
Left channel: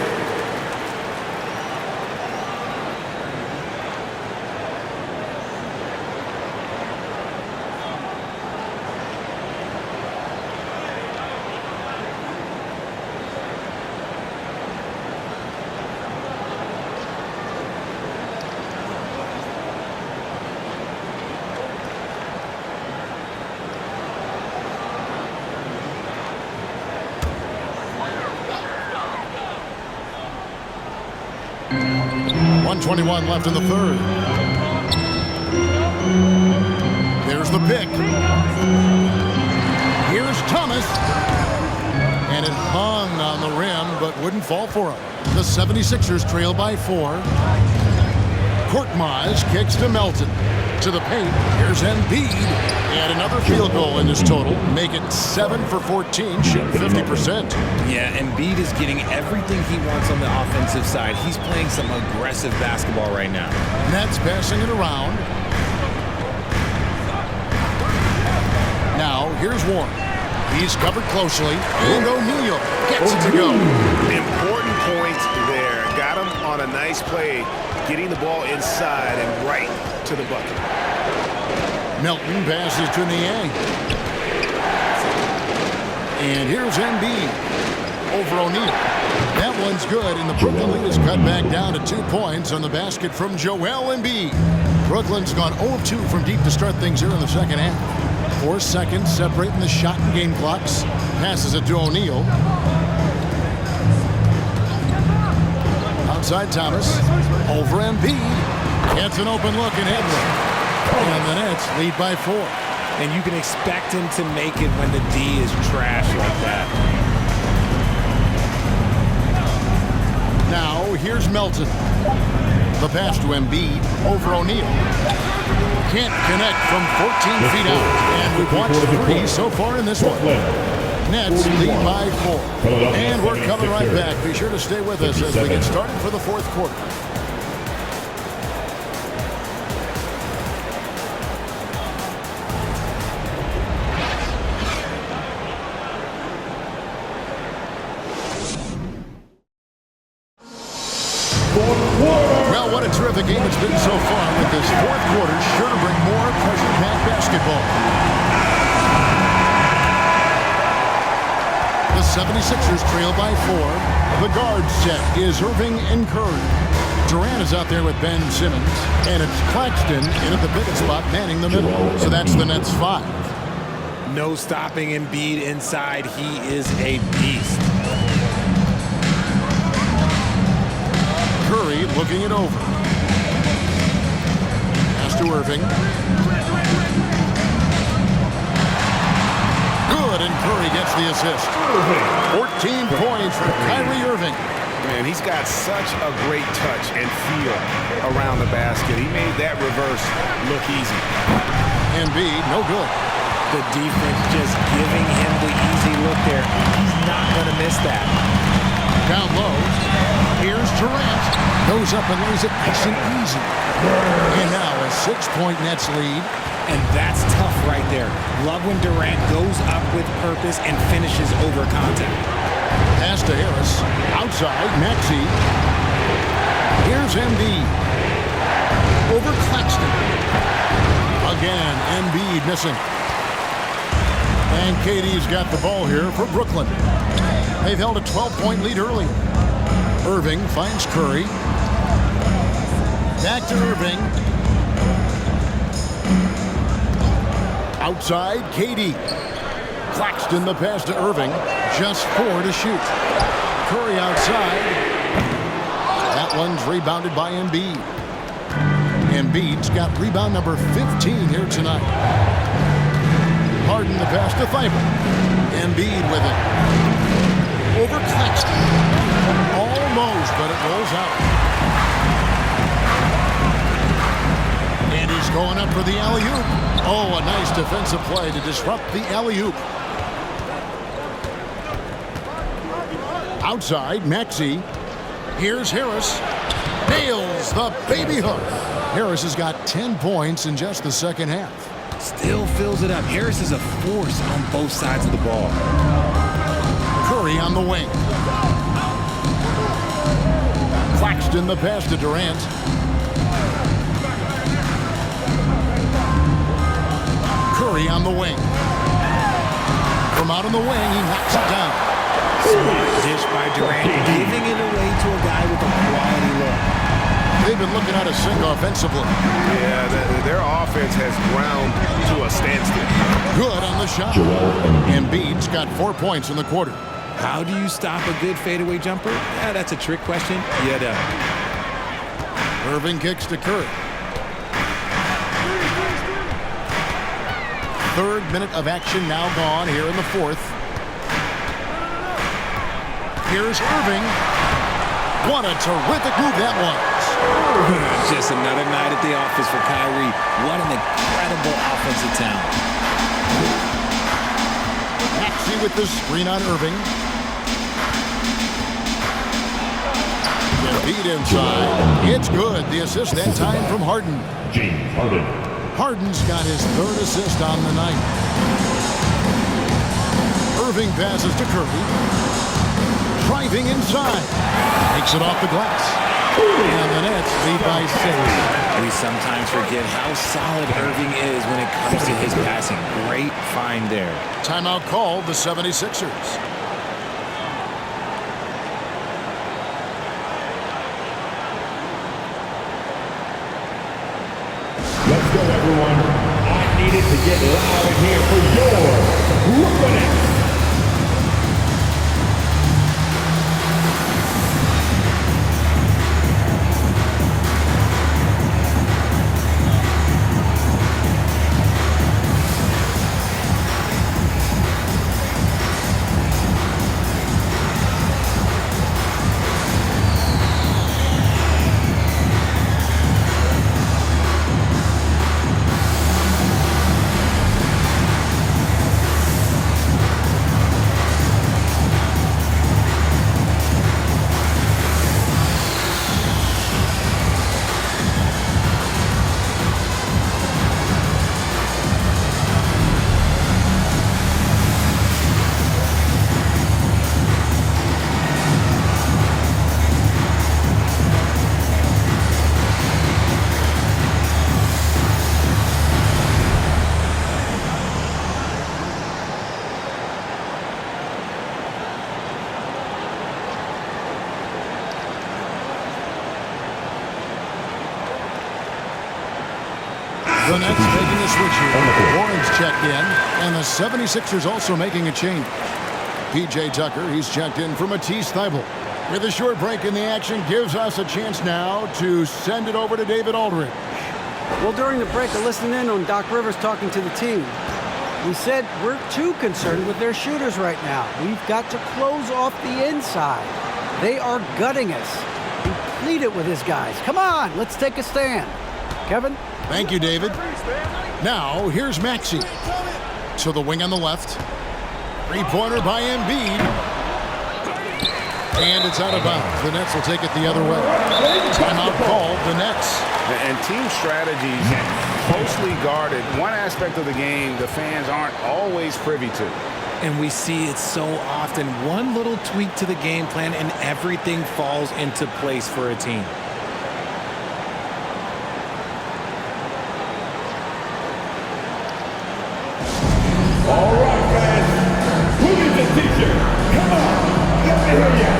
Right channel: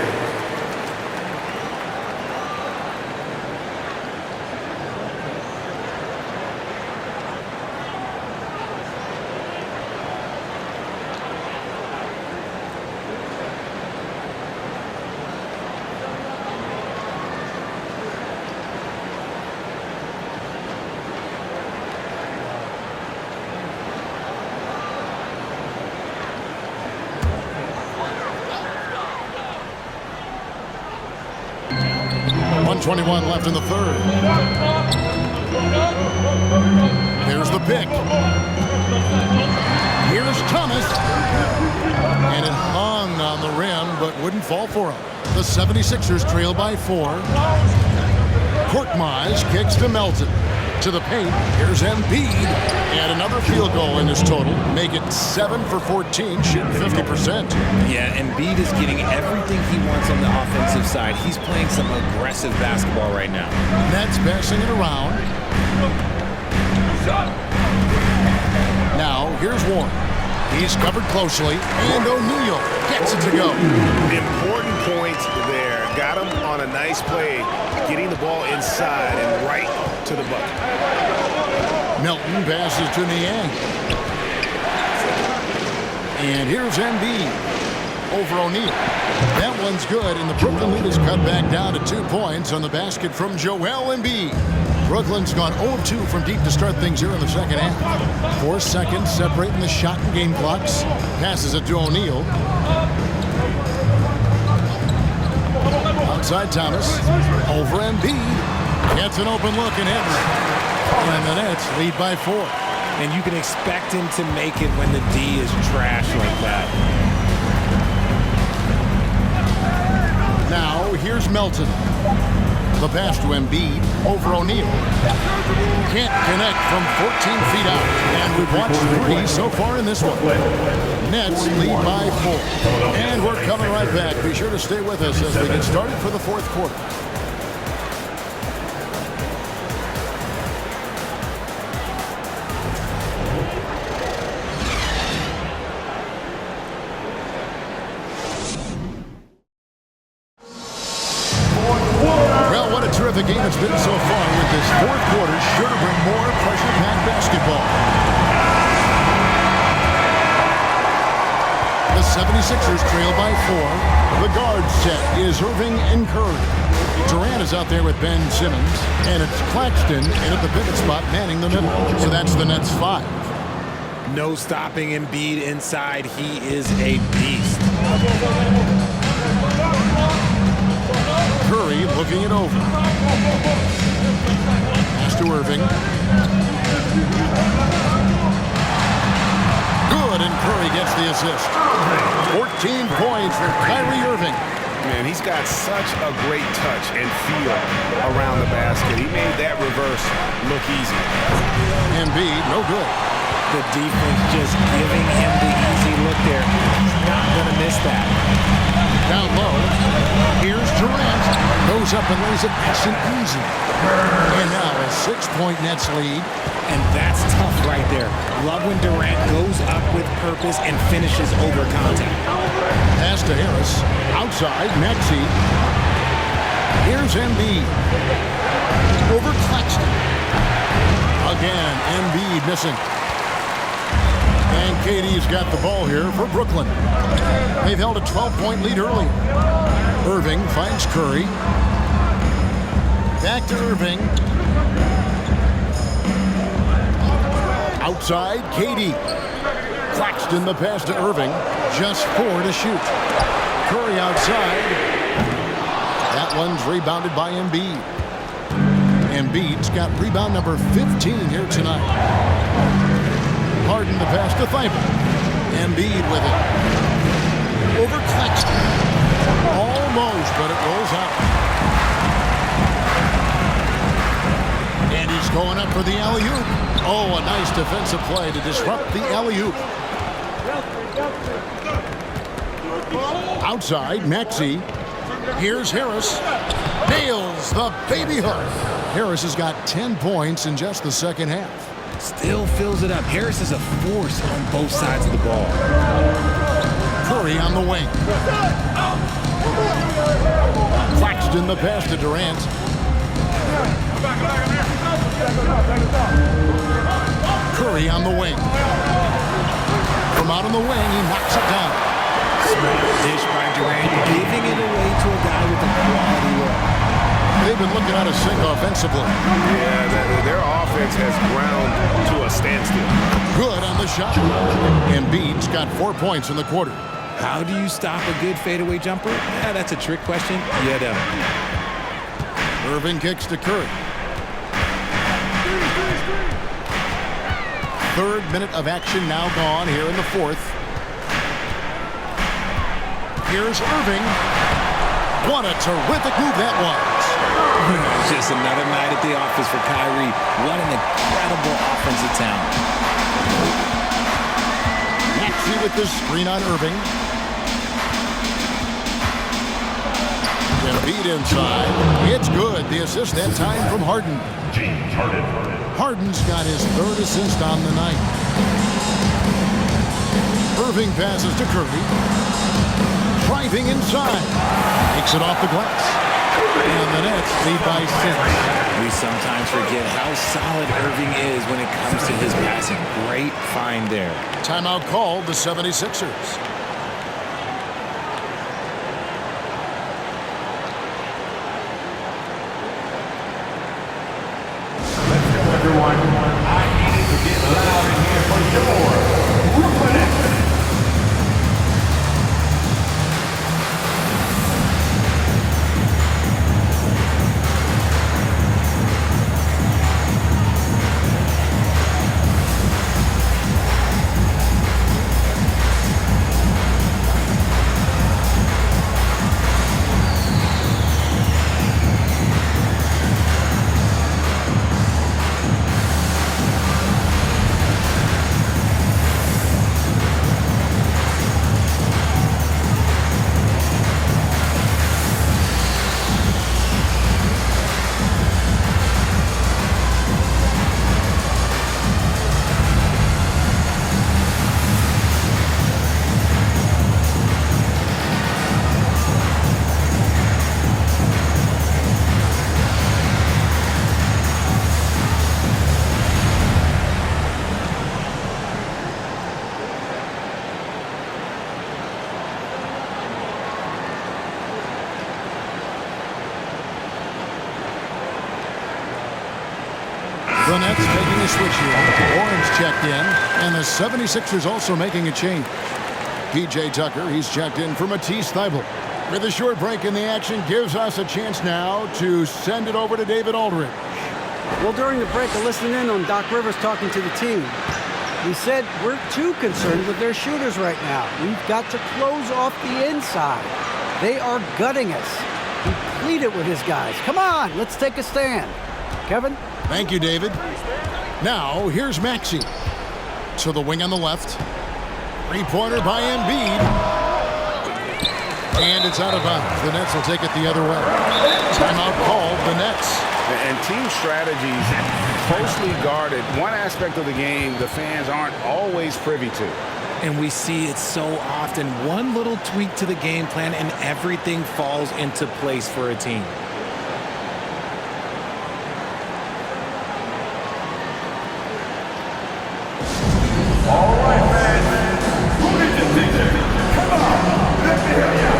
.121 left in the third. There's the pick. Here's Thomas. And it hung on the rim, but wouldn't fall for him. The 76ers trail by 4. Korkmaz kicks to Melton. To the paint. Here's Embiid. And another field goal in this total. Make it 7 for 14, shooting 50%. Yeah, Embiid is getting everything he wants on the offensive side. He's playing some aggressive basketball right now. Nets passing it around. Now, here's Warren. He's covered closely, and O'Neal gets it to go. Important points there. Got him on a nice play, getting the ball inside and right to the bucket. Melton passes to Niang. And here's Embiid over O'Neal. That one's good, and the Brooklyn lead is cut back down to 2 points on the basket from Joel Embiid. Brooklyn's gone 0 of 2 from deep to start things here in the second half. 4 seconds separating the shot and game clocks. Passes it to O'Neal. Outside Thomas. Over Embiid. Gets an open look and hits. And the Nets lead by 4. And you can expect him to make it when the D is trash like that. Now, here's Melton. The pass to Embiid over O'Neal. Can't connect from 14 feet out. And we've watched 3 so far in this one. Nets lead by 4. And we're coming right back. Be sure to stay with us as we get started for the fourth quarter. Well, what a terrific game it's been so far, with this fourth quarter sure to bring more pressure-packed basketball. The 76ers trail by 4. The guard set is Irving and Curry. Durant is out there with Ben Simmons, and it's Claxton in at the pivot spot manning the middle. So that's the Nets 5. No stopping Embiid inside. He is a beast. Curry looking it over. Pass to Irving. Good, and Curry gets the assist. 14 points for Kyrie Irving. Man, he's got such a great touch and feel around the basket. He made that reverse look easy. Embiid, no good. The defense just giving him the easy look there. He's not going to miss that. Down low. Here's Durant. Goes up and lays it nice and easy. And now a 6-point Nets lead. And that's tough right there. Love when Durant goes up with purpose and finishes over contact. Pass to Harris. Outside, Maxey. Here's Embiid. Over Claxton. Again, Embiid missing. And KD's got the ball here for Brooklyn. They've held a 12-point lead earlier. Irving finds Curry. Back to Irving. Outside, KD. Claxton the pass to Irving. Just 4 to shoot. Curry outside. That one's rebounded by Embiid. Embiid's got rebound number 15 here tonight. Harden the pass to Thibault. Embiid with it. Over Claxton. Almost, but it rolls out. And he's going up for the alley-oop. Oh, a nice defensive play to disrupt the alley-oop. Outside, Maxey. Here's Harris. Nails the baby hook. Harris has got 10 points in just the second half. Still fills it up. Harris is a force on both sides of the ball. Curry on the wing. Claxton the pass to Durant. Curry on the wing. From out on the wing, he knocks it down. Smart dish by Durant, giving it away to a guy with a quality look. They've been looking out of sync offensively. Yeah, their offense has ground to a standstill. Good on the shot. Embiid's got 4 points in the quarter. How do you stop a good fadeaway jumper? Yeah, that's a trick question. You don't. Irving kicks to Curry. Third minute of action now gone here in the fourth. Here's Irving. What a terrific move that was. Just another night at the office for Kyrie. What an incredible offensive talent. Maxey with the screen on Irving. Embiid inside. It's good. The assist that time from Harden. James Harden. Harden's got his third assist on the night. Irving passes to Curry. Driving inside. Makes it off the glass. And the Nets lead by 6. We sometimes forget how solid Irving is when it comes to his passing. Great find there. Timeout called the 76ers. Let's go, everyone. I needed to get loud in here for your Brooklyn Nets. The Nets making a switch here. Orange checked in, and the 76ers also making a change. P.J. Tucker, he's checked in for Matisse Thybulle. With a short break in the action, gives us a chance now to send it over to David Aldridge. Well, during the break, I listened in on Doc Rivers talking to the team. He said, we're too concerned with their shooters right now. We've got to close off the inside. They are gutting us. He pleaded with his guys. Come on, let's take a stand. Kevin? Thank you, David. Now, here's Maxey. To the wing on the left. Three-pointer by Embiid. And it's out of bounds. The Nets will take it the other way. Timeout called the Nets. And team strategies closely guarded. One aspect of the game the fans aren't always privy to. And we see it so often. One little tweak to the game plan and everything falls into place for a team. All right, fans. Who needs a t-shirt? Come on. Let me hear ya.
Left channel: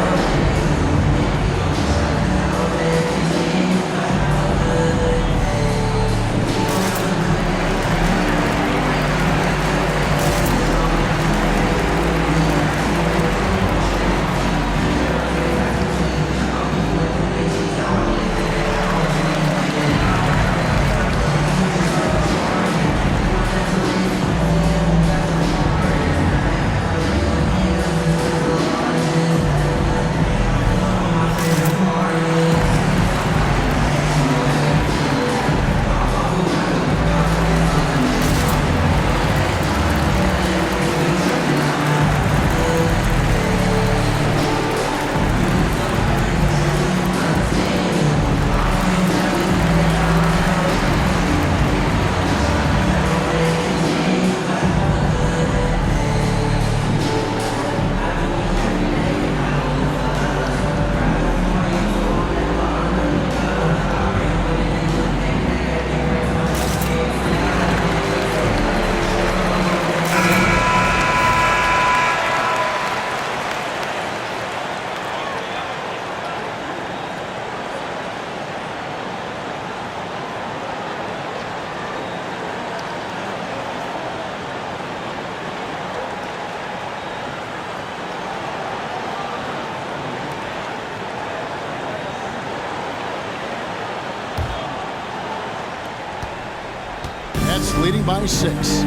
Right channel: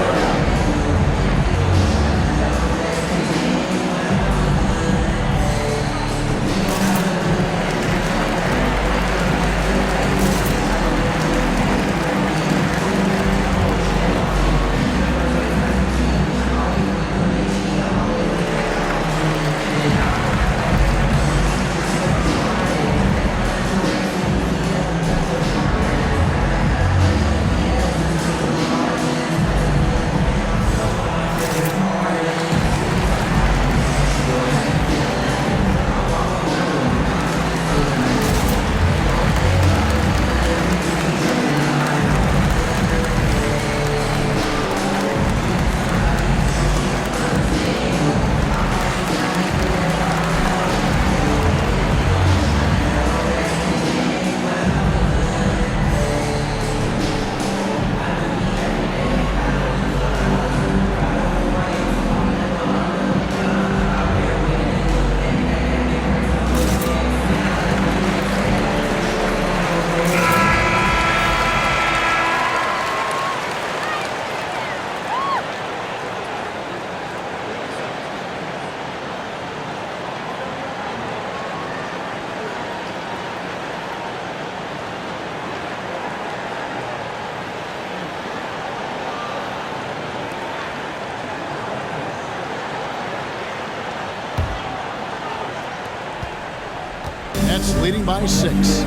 Nets leading by 6.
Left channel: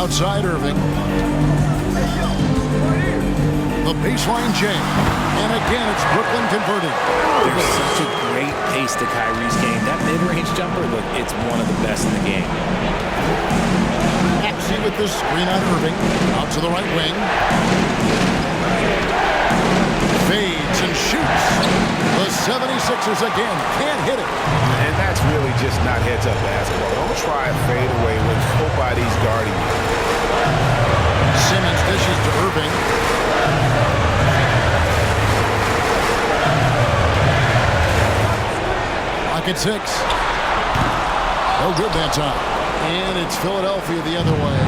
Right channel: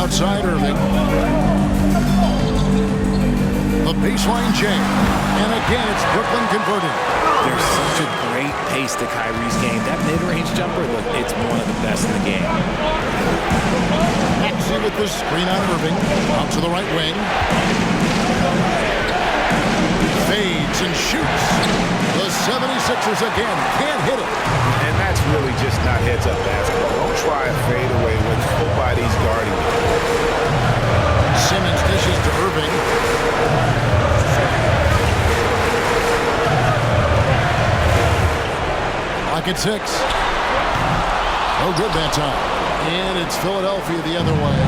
Outside Irving. The baseline J. And again, it's Brooklyn converting. There's such a great pace to Kyrie's game. That mid-range jumper, look, it's one of the best in the game. Maxey with the screen on Irving. Out to the right wing. Fades and shoots. The 76ers again can't hit it. And that's really just not heads-up basketball. Don't try a fadeaway when nobody's guarding you. Simmons dishes to Irving. Lock at 6. No good that time. And it's Philadelphia the other way.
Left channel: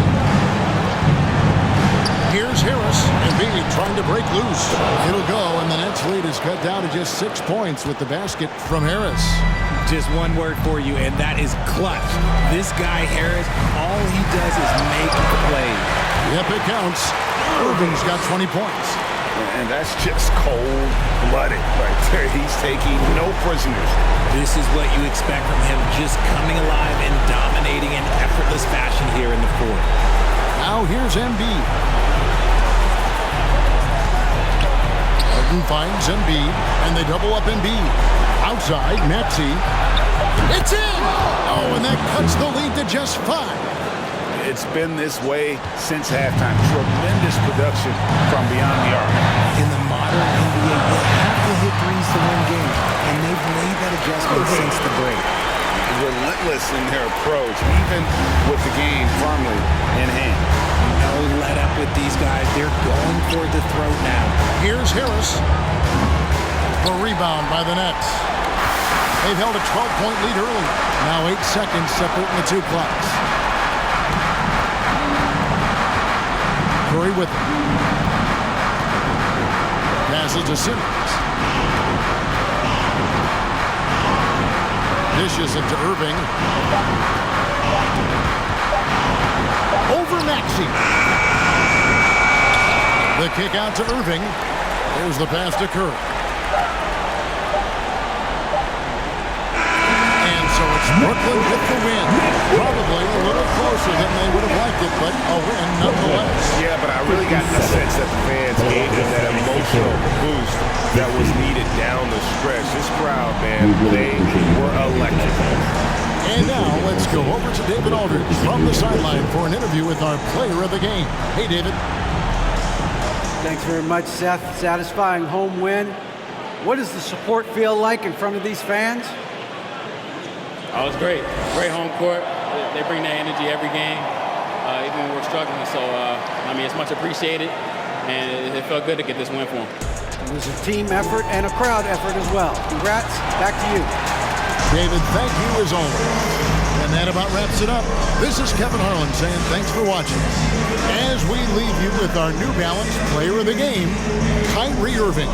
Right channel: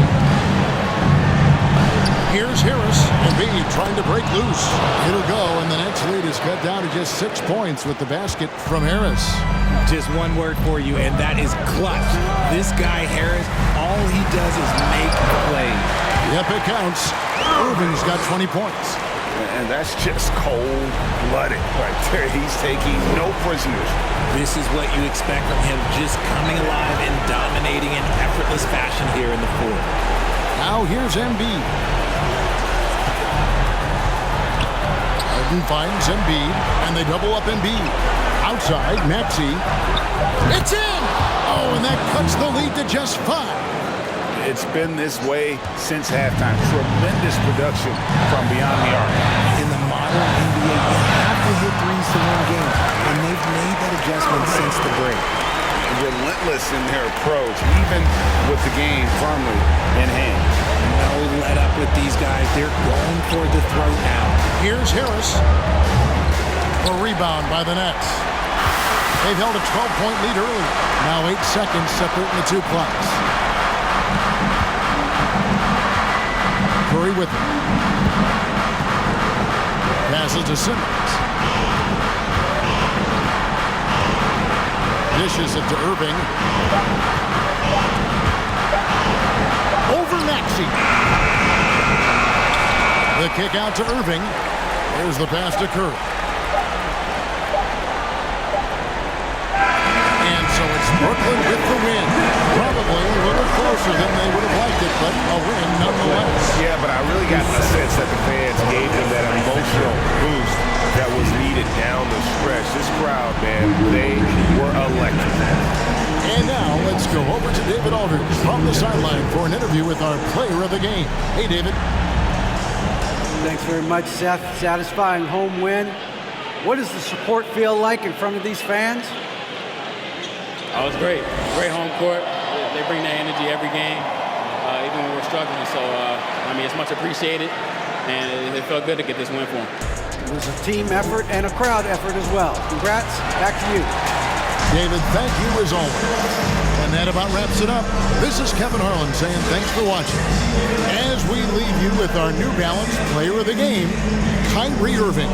Here's Harris. Embiid trying to break loose. It'll go, and the Nets lead is cut down to just 6 points with the basket from Harris. Just one word for you, and that is clutch. This guy, Harris, all he does is make plays. Yep, it counts. Irving's got 20 points. And that's just cold-blooded right there. He's taking no prisoners. This is what you expect from him, just coming alive and dominating in effortless fashion here in the fourth. Now here's Embiid. Harden finds Embiid, and they double up Embiid. Outside, Maxey. It's in! Oh, and that cuts the lead to just 5. It's been this way since halftime. Tremendous production from beyond the arc. In the modern NBA, you have to hit threes to win games, and they've made that adjustment since the break. Relentless in their approach, even with the game firmly in hand. No let up with these guys. They're going for the throat now. Here's Harris. The rebound by the Nets. They've held a 12-point lead early. Now 8 seconds separating the two clocks. Curry with it. Passes to Simmons. Dishes it to Irving. Over Maxey. The kick out to Irving. There's the pass to Curry. And so it's Brooklyn with the win. Probably a little closer than they would have liked it, but a win nonetheless. Yeah, but I really got the sense that the fans gave them that emotional boost that was needed down the stretch. This crowd, man, they were electric. And now let's go over to David Aldridge from the sideline for an interview with our player of the game. Hey, David. Thanks very much, Seth. Satisfying home win. What does the support feel like in front of these fans? Oh, it's great. Great home court. They bring that energy every game, even when we're struggling. So, I mean, it's much appreciated, and it felt good to get this win for them. It was a team effort and a crowd effort as well. Congrats. Back to you. David, thank you as always. And that about wraps it up. This is Kevin Harlan saying thanks for watching. As we leave you with our New Balance player of the game, Kyrie Irving.